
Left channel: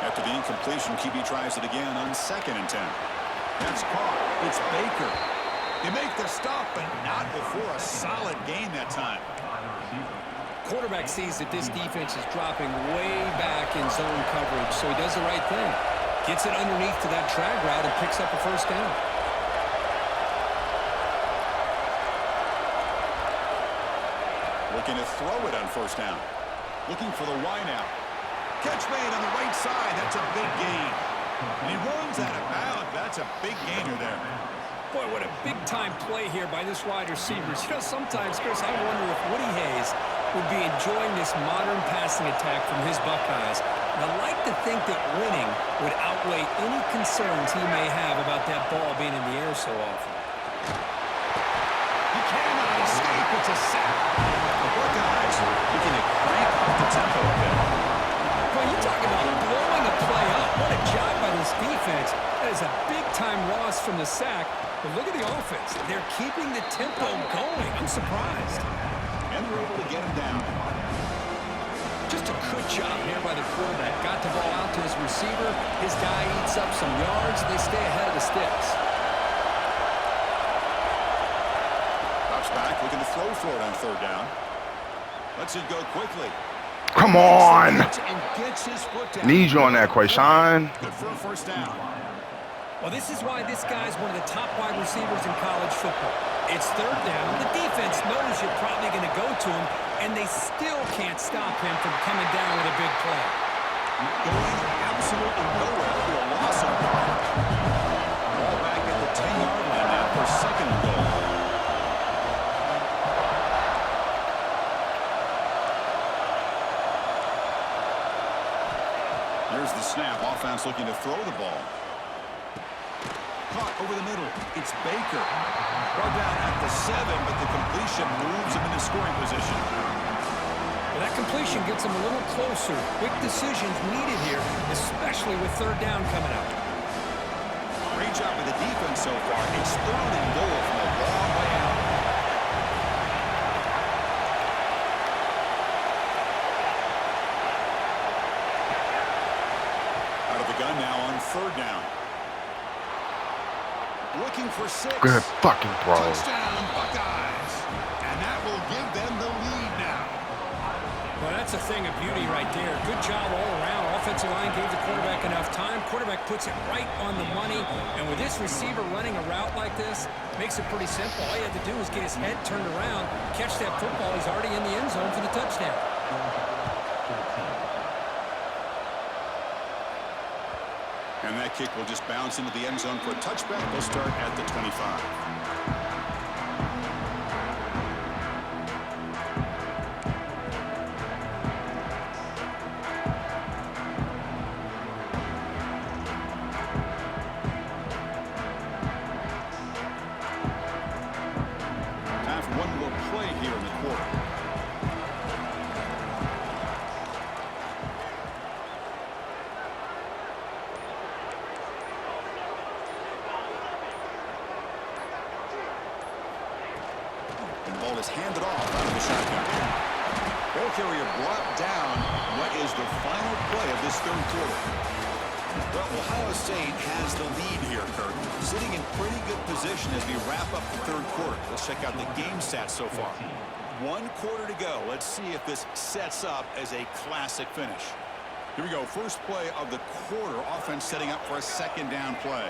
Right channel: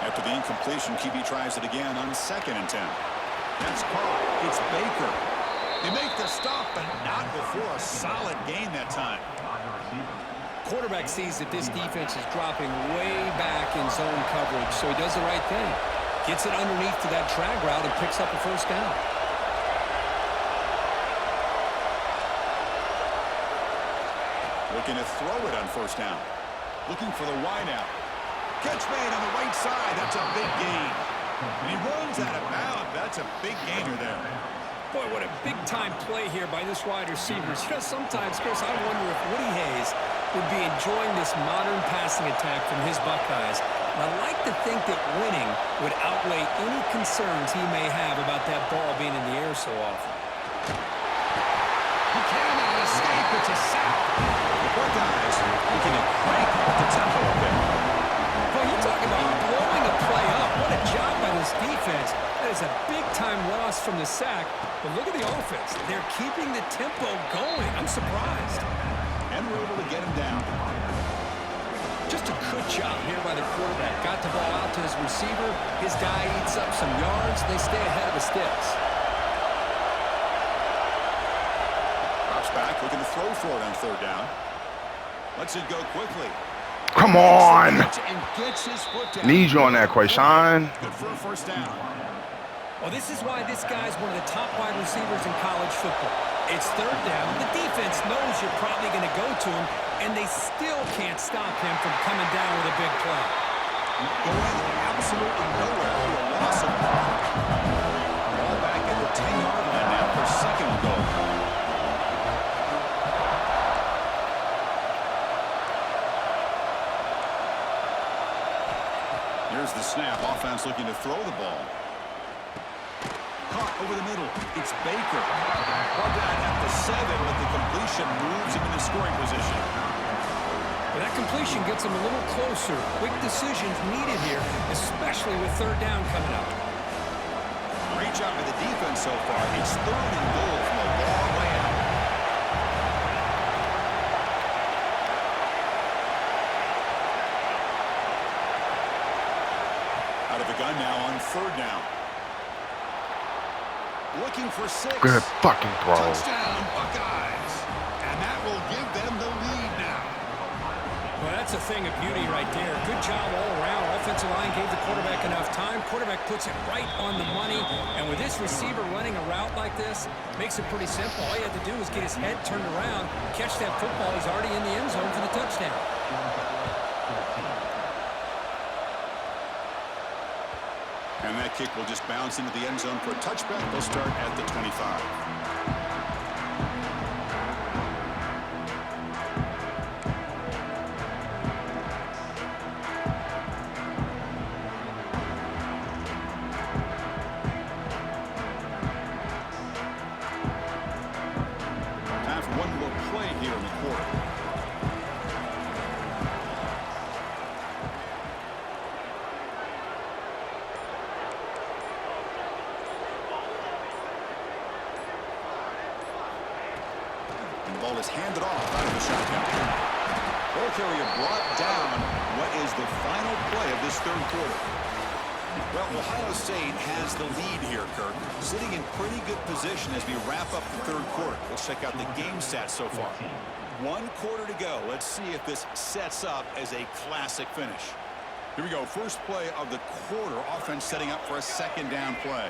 After the incompletion, QB tries it again on 2nd and 10. That's caught. It's Baker. They make the stop, but not before a solid gain that time. Quarterback sees that this defense is dropping way back in zone coverage, so he does the right thing. Gets it underneath to that drag route and picks up a 1st down. Looking to throw it on 1st down. Looking for the wideout. Catch made on the right side. That's a big gain. And he runs out of bounds. That's a big gainer there. Boy, what a big-time play here by this wide receivers. You know, sometimes, Chris, I wonder if Woody Hayes would be enjoying this modern passing attack from his Buckeyes. And I like to think that winning would outweigh any concerns he may have about that ball being in the air so often. He cannot escape. It's a sack. The Buckeyes looking to crank up the tempo a bit. Well, you talk about blowing a play up. What a job by this defense. That is a big-time loss from the sack. But look at the offense. They're keeping the tempo going. I'm surprised. And we're able to get him down. Just a good job here by the quarterback. Got the ball out to his receiver. His guy eats up some yards. They stay ahead of the sticks. Drops back, looking to throw for it on 3rd down. Lets it go quickly. Come on. And gets his foot down. Need you on that, Quayshawn. Good for a 1st down. Well, this is why this guy's one of the top wide receivers in college football. It's 3rd down. The defense knows you're probably going to go to him, and they still can't stop him from coming down with a big play. Going absolutely nowhere for a loss of ball back at the 10-yard line now for 2nd and goal. Here's the snap. Offense looking to throw the ball. Caught over the middle. It's Baker. Brought down at the 7, but the completion moves him into scoring position. Well, that completion gets him a little closer. Quick decisions needed here, especially with third down coming up. Great job by the defense so far. It's 3rd and goal from a long way out. Out of the gun now on 3rd down. Looking for 6. Good fucking throw. Touchdown, Buckeyes. And that will give them the lead now. Well, that's a thing of beauty right there. Good job all around. Offensive line gave the quarterback enough time. Quarterback puts it right on the money. And with this receiver running a route like this, makes it pretty simple. All you had to do was get his head turned around, catch that football. He's already in the end zone for the touchdown. And that kick will just bounce into the end zone for a touchback. They'll start at the 25. Time for one more play here in the quarter. Ball is handed off out of the shotgun. Ball carrier brought down. What is the final play of this 3rd quarter? Well, Ohio State has the lead here, Kirk. Sitting in pretty good position as we wrap up the 3rd quarter. Let's check out the game stats so far. 1 quarter to go. Let's see if this sets up as a classic finish. Here we go. First play of the quarter. Offense setting up for a 2nd down play.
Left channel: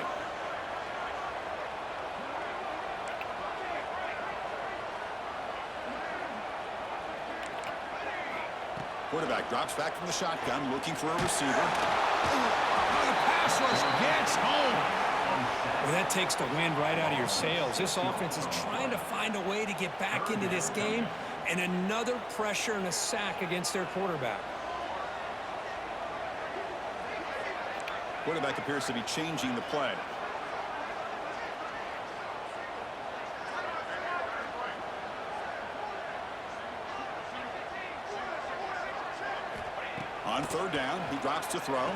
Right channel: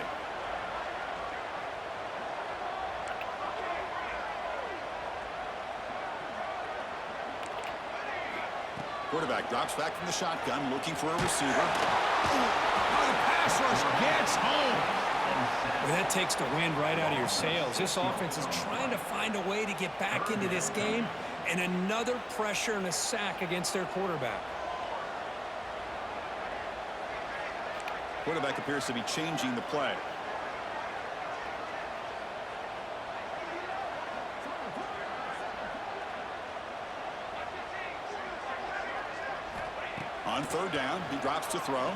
Quarterback drops back from the shotgun, looking for a receiver. Ooh, the pass rush gets home. Well, that takes the wind right out of your sails. This offense is trying to find a way to get back into this game, and another pressure and a sack against their quarterback. Quarterback appears to be changing the play. On 3rd down, he drops to throw.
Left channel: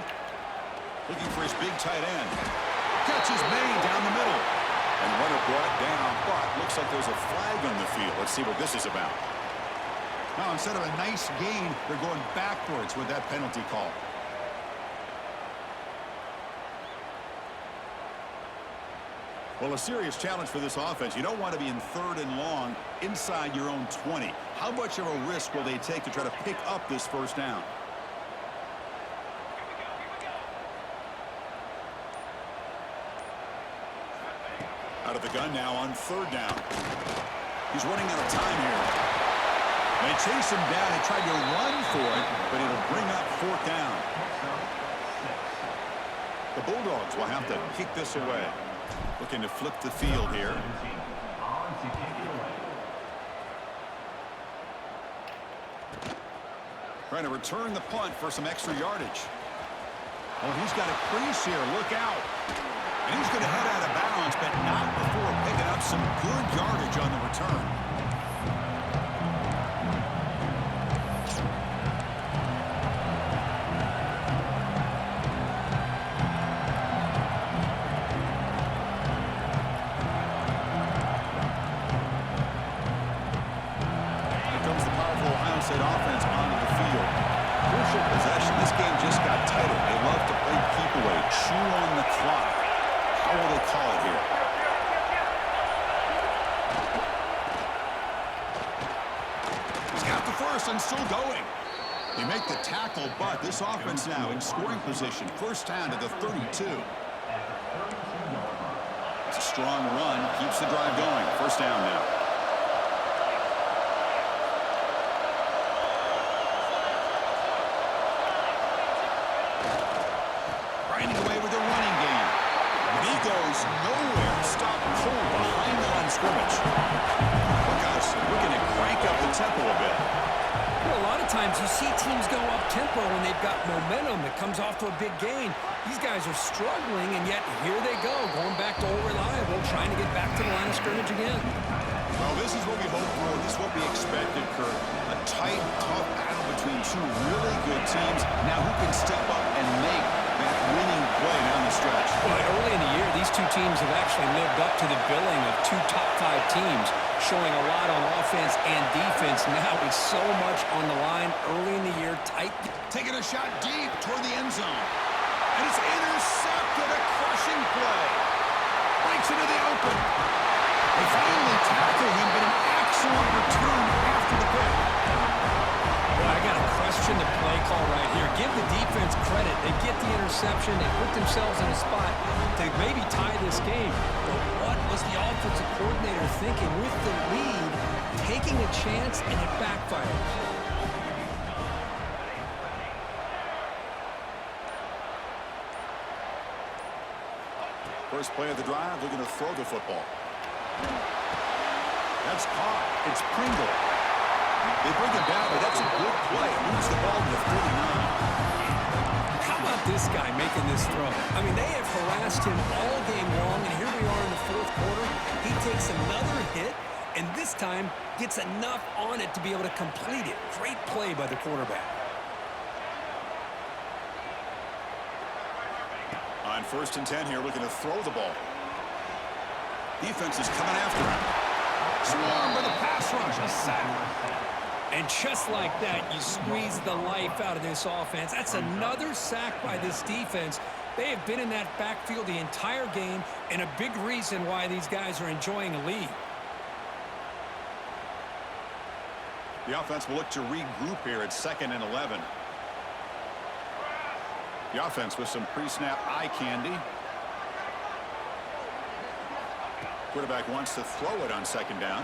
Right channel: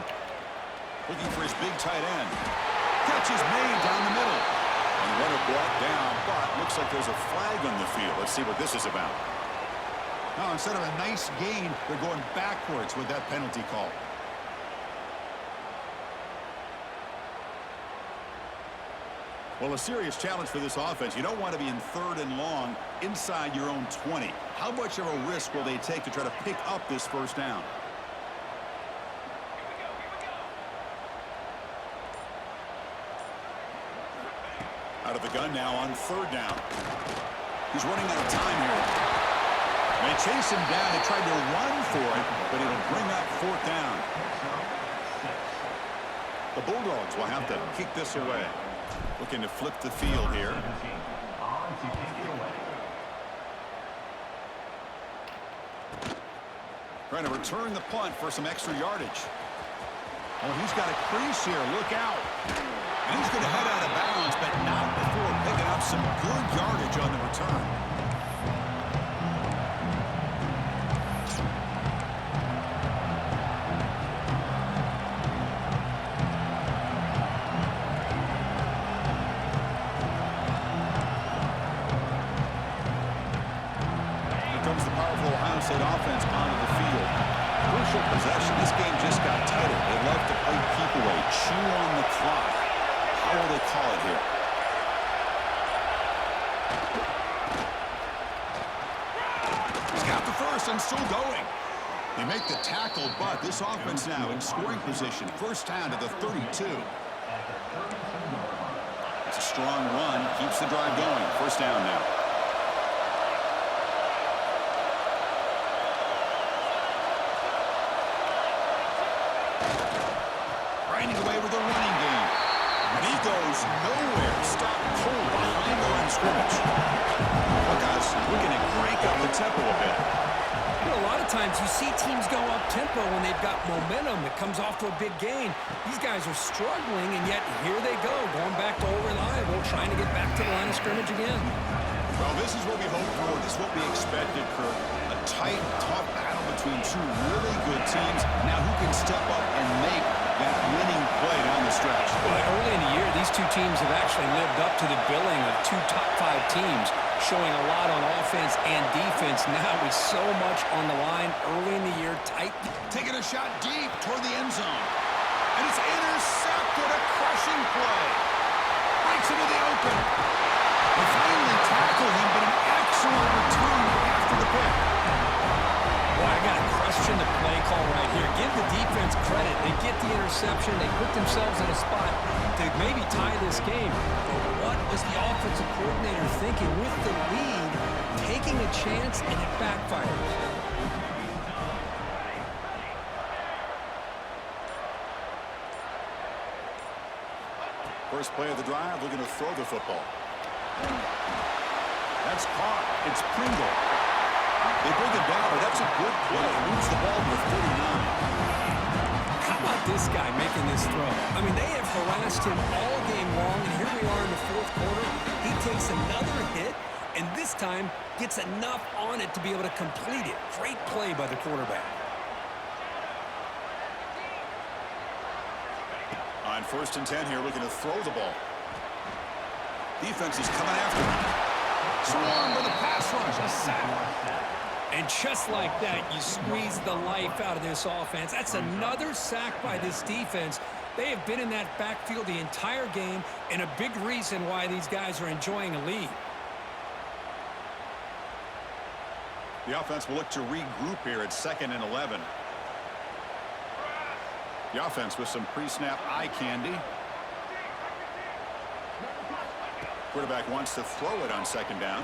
Looking for his big tight end. Catch is made down the middle. And runner brought down, but looks like there's a flag on the field. Let's see what this is about. Now, instead of a nice gain, they're going backwards with that penalty call. Well, a serious challenge for this offense. You don't want to be in 3rd and long inside your own 20. How much of a risk will they take to try to pick up this 1st down? Out of the gun now on 3rd down. He's running out of time here. They chase him down. They tried to run for it, but it'll bring up 4th down. The Bulldogs will have to kick this away. Looking to flip the field here. Trying to return the punt for some extra yardage. Oh, he's got a crease here. Look out. And he's going to head out of bounds, but not before picking up some good yardage on the return. Here comes the powerful Ohio State offense onto the field. Crucial possession. This game just got tighter. They love to play keep away, chew on the clock. How will they call it here? He's got the first and still going. They make the tackle, but this offense now in scoring position. 1st down to the 32. It's a strong run. Keeps the drive going. 1st down now. Grinding away with the running game. And he goes nowhere. Stopped cold behind the line of scrimmage. Buckeyes looking to crank up the tempo a bit. You know, a lot of times you see teams go up-tempo when they've got momentum. It comes off to a big gain. These guys are struggling, and yet here they go, going back to old reliable, trying to get back to the line of scrimmage again. Well, this is what we hoped for. This is what we expected, Kirk. A tight, tough battle between two really good teams. Now, who can step up and make that winning play down the stretch? Well, early in the year, these two teams have actually lived up to the billing of two top-5 teams, showing a lot on offense and defense. Now with so much on the line early in the year, tight. Taking a shot deep toward the end zone. And it's intercepted, a crushing play. Breaks into the open. They finally tackle him, but an excellent return after the pick. Well, I got to question the play call right here. Give the defense credit. They get the interception. They put themselves in a spot to maybe tie this game. But what was the offensive coordinator thinking with the lead, taking a chance, and it backfires? First play of the drive, looking to throw the football. That's caught. It's Pringle. They bring him down, but that's a good play. Moves the ball to the 49. How about this guy making this throw? I mean, they have harassed him all game long, and here we are in the fourth quarter. He takes another hit, and this time gets enough on it to be able to complete it. Great play by the quarterback. On 1st and 10 here, looking to throw the ball. Defense is coming after him. Swarm for the pass rush. A sack. And just like that, you squeeze the life out of this offense. That's another sack by this defense. They have been in that backfield the entire game, and a big reason why these guys are enjoying a lead. The offense will look to regroup here at 2nd and 11. The offense with some pre-snap eye candy. Quarterback wants to throw it on 2nd down.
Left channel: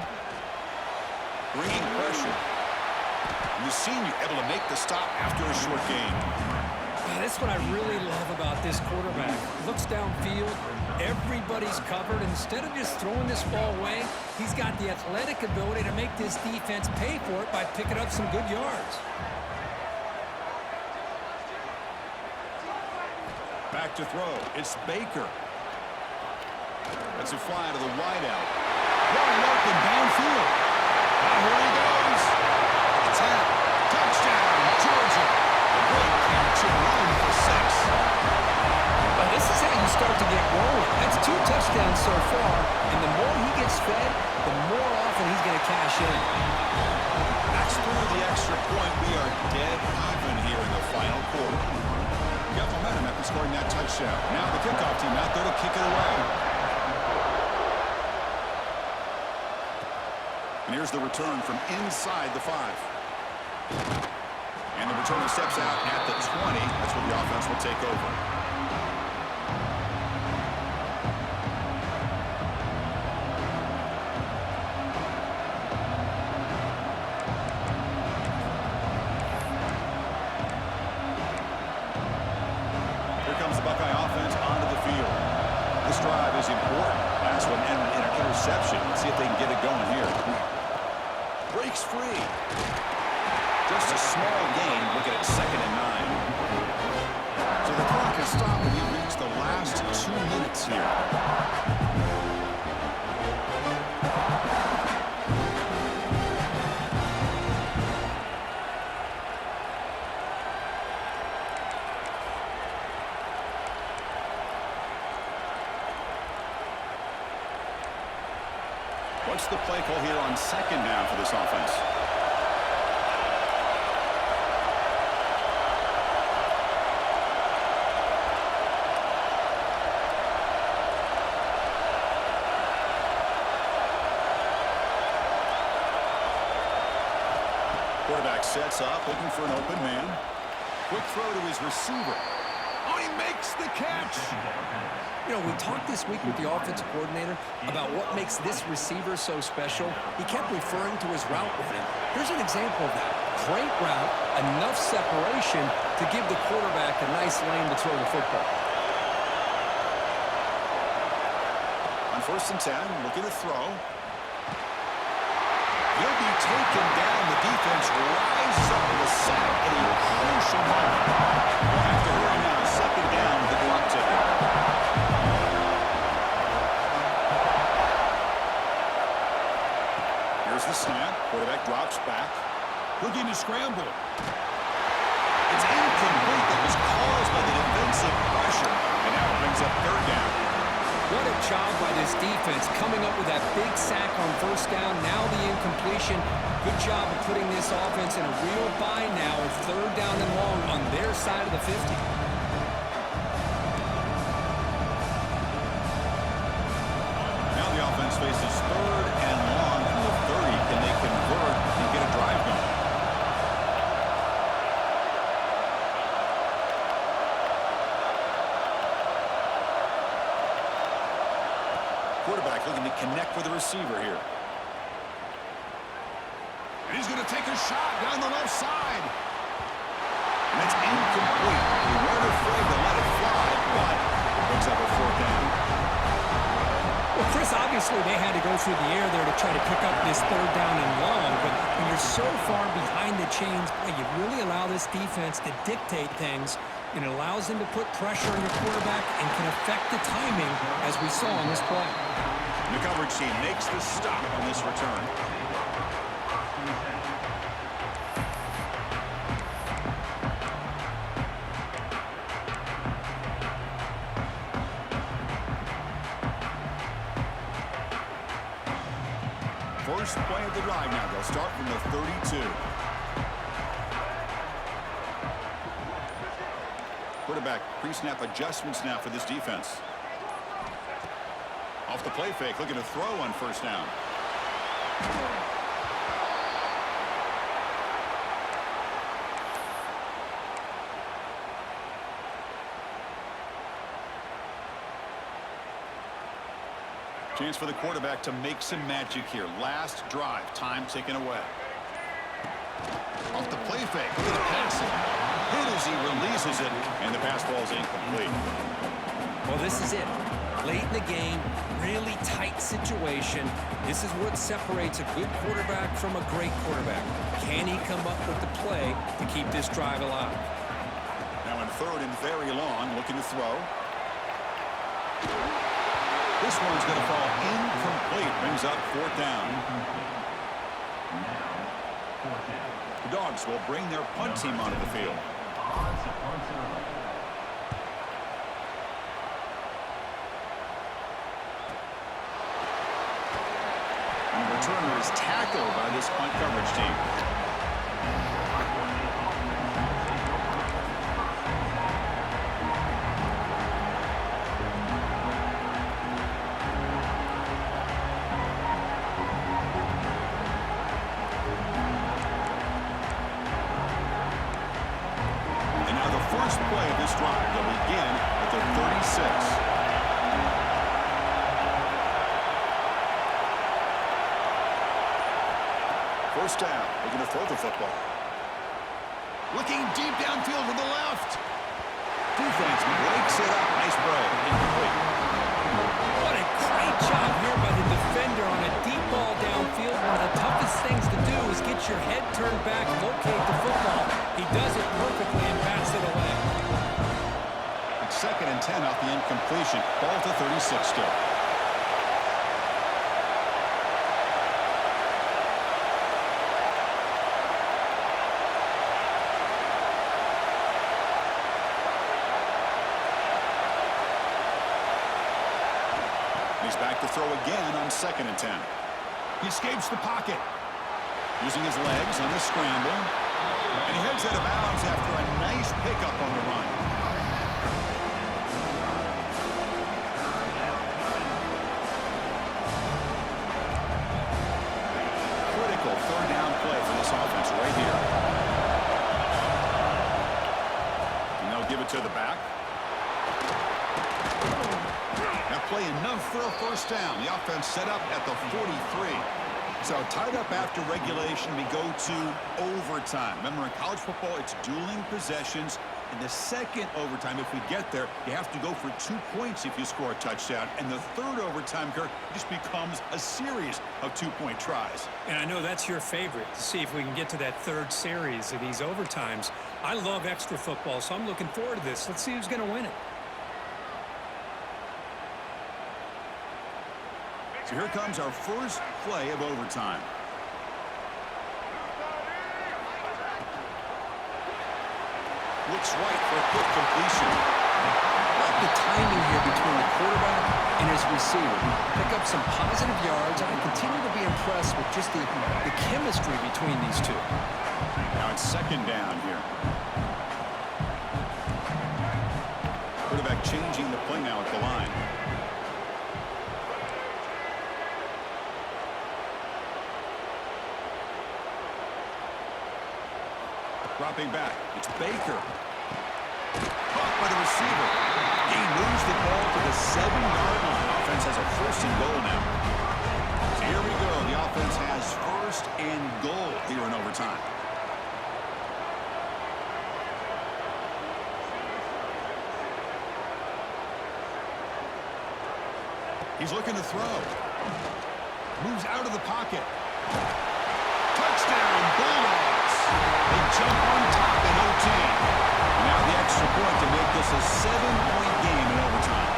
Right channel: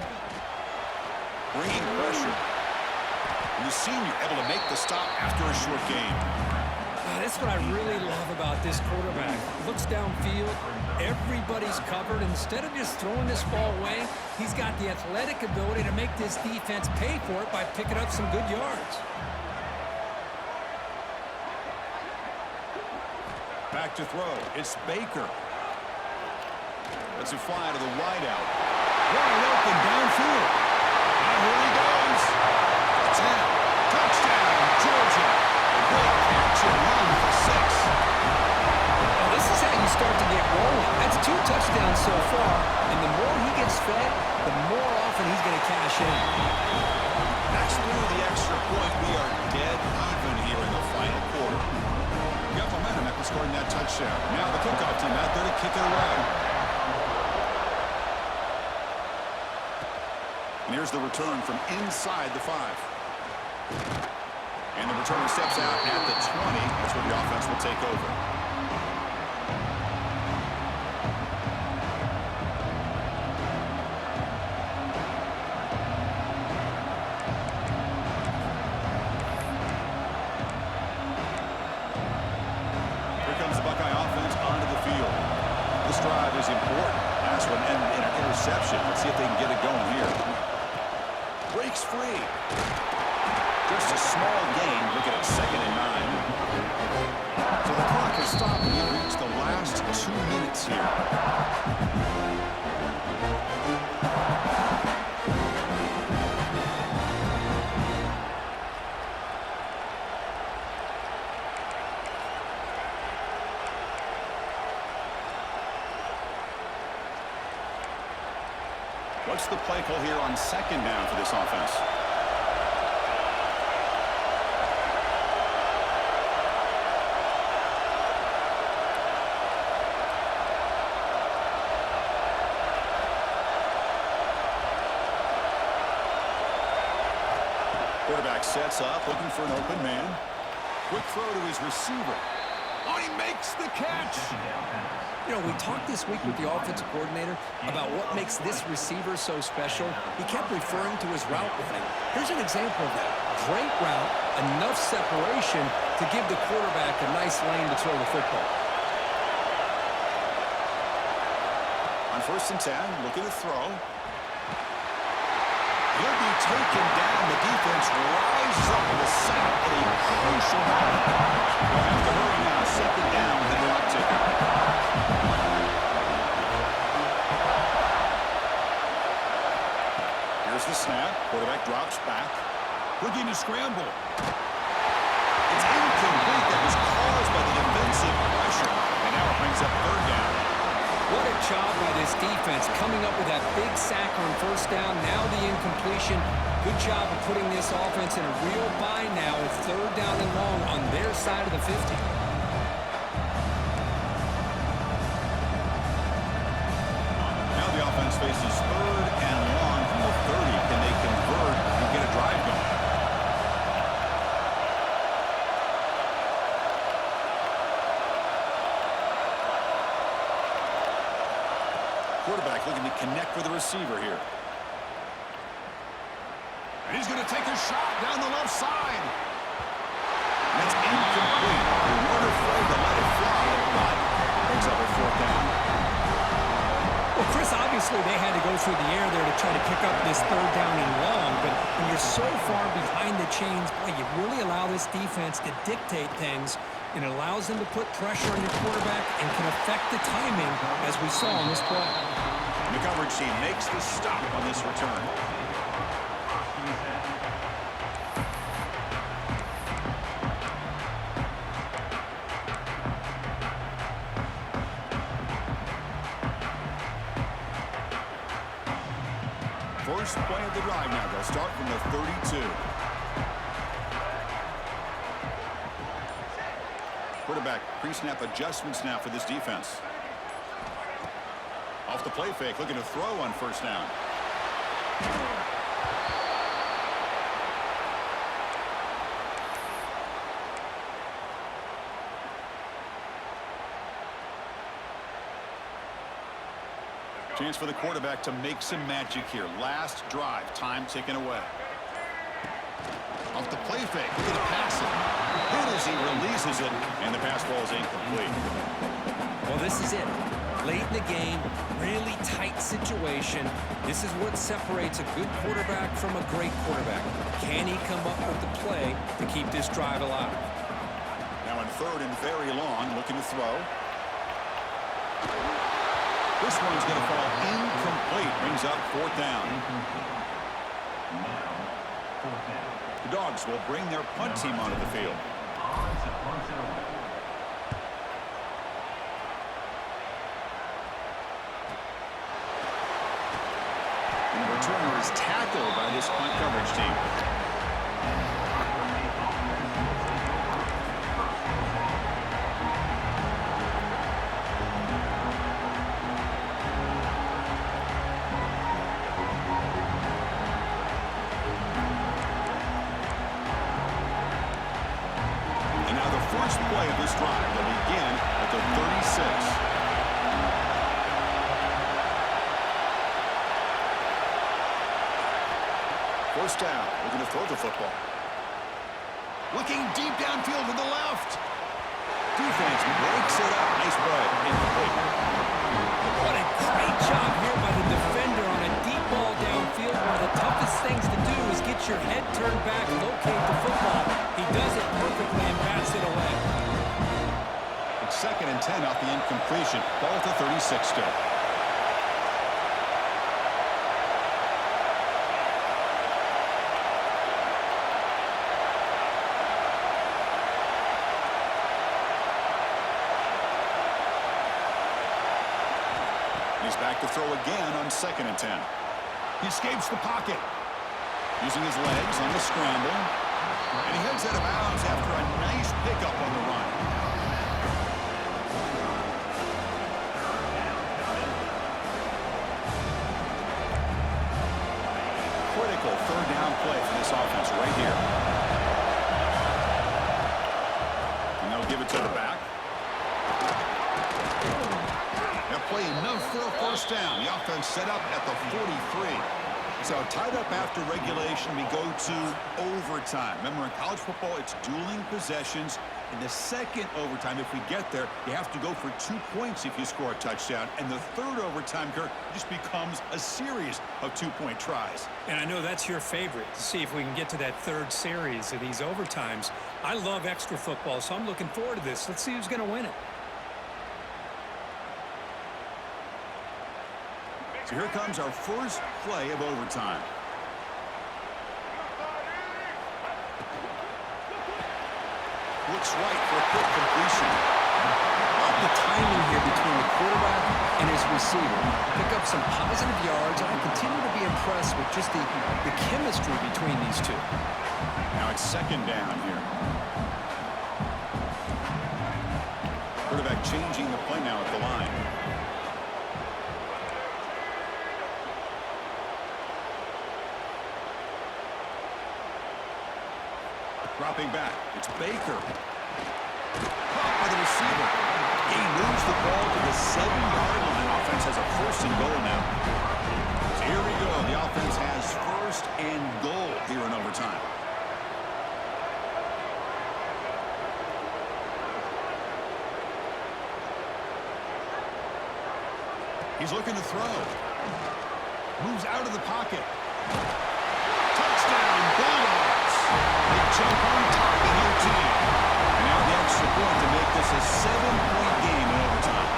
Bringing pressure. And the senior able to make the stop after a short gain. That's what I really love about this quarterback. Looks downfield, everybody's covered. Instead of just throwing this ball away, he's got the athletic ability to make this defense pay for it by picking up some good yards. Back to throw. It's Baker. That's a fly to the wideout. Wide open downfield. Now here he goes. A 10. Touchdown, Georgia. A great catch and run for 6. Well, this is how you start to get rolling. That's 2 touchdowns so far, and the more he gets fed, the more often he's going to cash in. Next through the extra point, we are dead even here in the final quarter. We got momentum after scoring that touchdown. Now the kickoff team out there to kick it away. And here's the return from inside the 5. And the returner steps out at the 20. That's where the offense will take over. Here comes the Buckeye offense onto the field. This drive is important. Last one ended in an interception. Let's see if they can get it going here. Breaks free. Just a small gain. Looking at 2nd and 9. So the clock has stopped and we've reached the last 2 minutes here. What's the play call here on 2nd down for this offense? Quarterback sets up, looking for an open man. Quick throw to his receiver. Oh, he makes the catch. You know, we talked this week with the offensive coordinator about what makes this receiver so special. He kept referring to his route running. Here's an example of that. Great route, enough separation to give the quarterback a nice lane to throw the football. On 1st and 10, looking to throw. He'll be taken down. The defense rises up with a sack at a crucial moment. They'll have to hurry now. Second down with the clock ticking. Here's the snap. Quarterback drops back. Looking to scramble. It's incomplete. That was caused by the defensive pressure. And now it brings up third down. What a job by this defense coming up with that big sack on first down. Now the incompletion. Good job of putting this offense in a real bind now. It's third down and long on their side of the 50. Now the offense faces third and long from the 30. Can they convert and get a drive going? Quarterback looking to connect with the receiver here. And he's going to take a shot down the left side. And that's incomplete. They weren't afraid to let it fly, but it brings up a fourth down. Well, Chris, obviously they had to go through the air there to try to pick up this third down and long, but when you're so far behind the chains, boy, you really allow this defense to dictate things, and it allows them to put pressure on your quarterback and can affect the timing, as we saw on this play. And the coverage team makes the stop on this return. First play of the drive now. They'll start from the 32. Quarterback pre-snap adjustments now for this defense. Off the play fake, looking to throw on first down. Chance for the quarterback to make some magic here. Last drive, time taken away. Off the play fake, look at the pass it. Hit as he releases it, and the pass ball is incomplete. Well, this is it. Late in the game, really tight situation. This is what separates a good quarterback from a great quarterback. Can he come up with the play to keep this drive alive? Now in third and very long, looking to throw. This one's going to fall incomplete. Brings up fourth down. Now, fourth down. The Dogs will bring their punt team onto the field. On to punt it away. And the returner is tackled by this punt coverage team. And now the first play of this drive. They'll begin at the 36. First down, looking to throw the football. Looking deep downfield to the left. Defense breaks it up. Nice break. Incomplete. What a great job here by the defender on a deep ball downfield. One of the toughest things to do is get your head turned back, locate the football. He does it perfectly and bats it away. It's second and 10 off the incompletion. Ball to 36 still. He's back to throw again on second and 10. He escapes the pocket. Using his legs on the scramble. And he heads out of bounds after a nice pickup on the run. Critical third down play for this offense right here. And they'll give it to the back. That play enough for a first down. The offense set up at the 43. So tied up after regulation, we go to overtime. Remember, in college football, it's dueling possessions. In the second overtime, if we get there, you have to go for 2 points if you score a touchdown. And the third overtime, Kirk, just becomes a series of 2-point tries. And I know that's your favorite, to see if we can get to that third series of these overtimes. I love extra football, so I'm looking forward to this. Let's see who's going to win it. So here comes our first play of overtime. Looks right for a quick completion. Love the timing here between the quarterback and his receiver. Pick up some positive yards, and I continue to be impressed with just the chemistry between these two. Now it's second down here. Quarterback changing the play now at the line. Dropping back, it's Baker. Caught by the receiver. He moves the ball to the 7-yard line. Offense has a 1st and goal now. So here we go. The offense has 1st and goal here in overtime. He's looking to throw. Moves out of the pocket. Touchdown, Bulldogs. They jump on top in OT. And now the extra point to make this a 7-point game in overtime.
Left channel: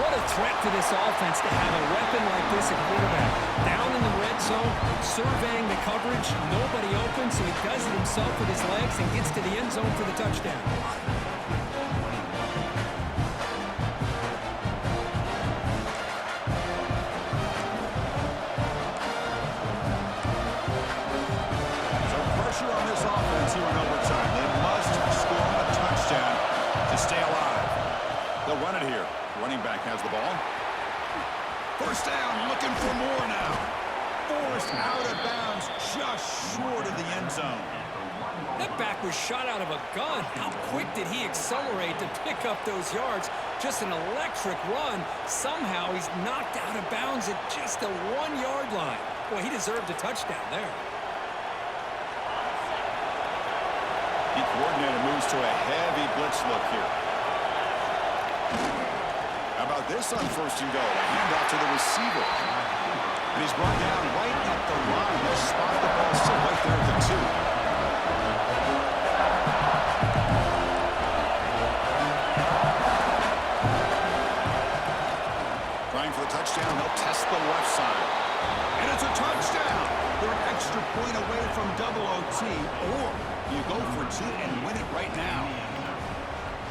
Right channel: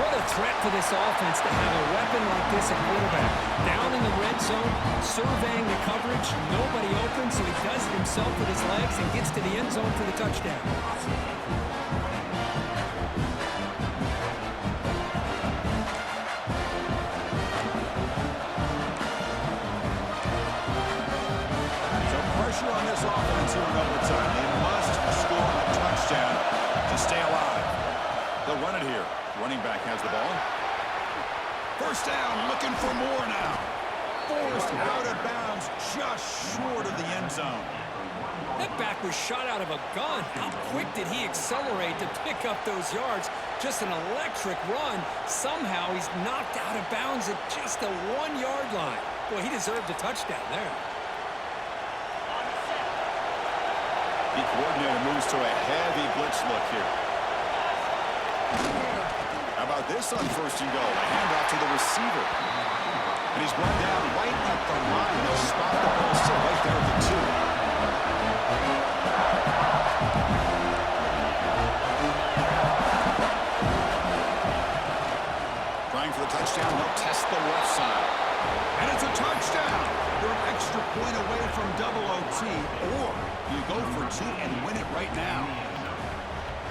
What a threat for this offense to have a weapon like this at quarterback. Down in the red zone, surveying the coverage, nobody open, so he does it himself with his legs and gets to the end zone for the touchdown. Pressure on this offense here in overtime. They must score a touchdown to stay alive. They'll run it here. Running back has the ball. First down, looking for more now. Forced out of bounds, just short of the end zone. That back was shot out of a gun. How quick did he accelerate to pick up those yards? Just an electric run. Somehow he's knocked out of bounds at just the 1-yard line. Boy, he deserved a touchdown there. The coordinator moves to a heavy blitz look here. How about this on 1st and goal? A handoff to the receiver. And he's brought down right at the line. They'll spot the ball still right there at the 2. Trying for the touchdown. They'll test the left side. And it's a touchdown. They're an extra point away from double OT, or you go for 2 and win it right now.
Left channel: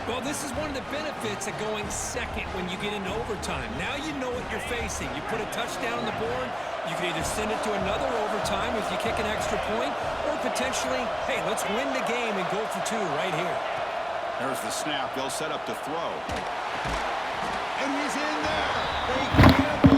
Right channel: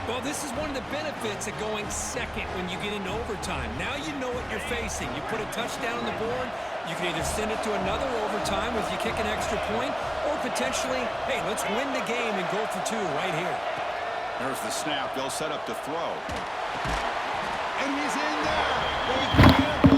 Well, this is one of the benefits of going second when you get into overtime. Now you know what you're facing. You put a touchdown on the board, you can either send it to another overtime if you kick an extra point, or potentially, hey, let's win the game and go for 2 right here. There's the snap. They'll set up to throw. And he's in there. They can't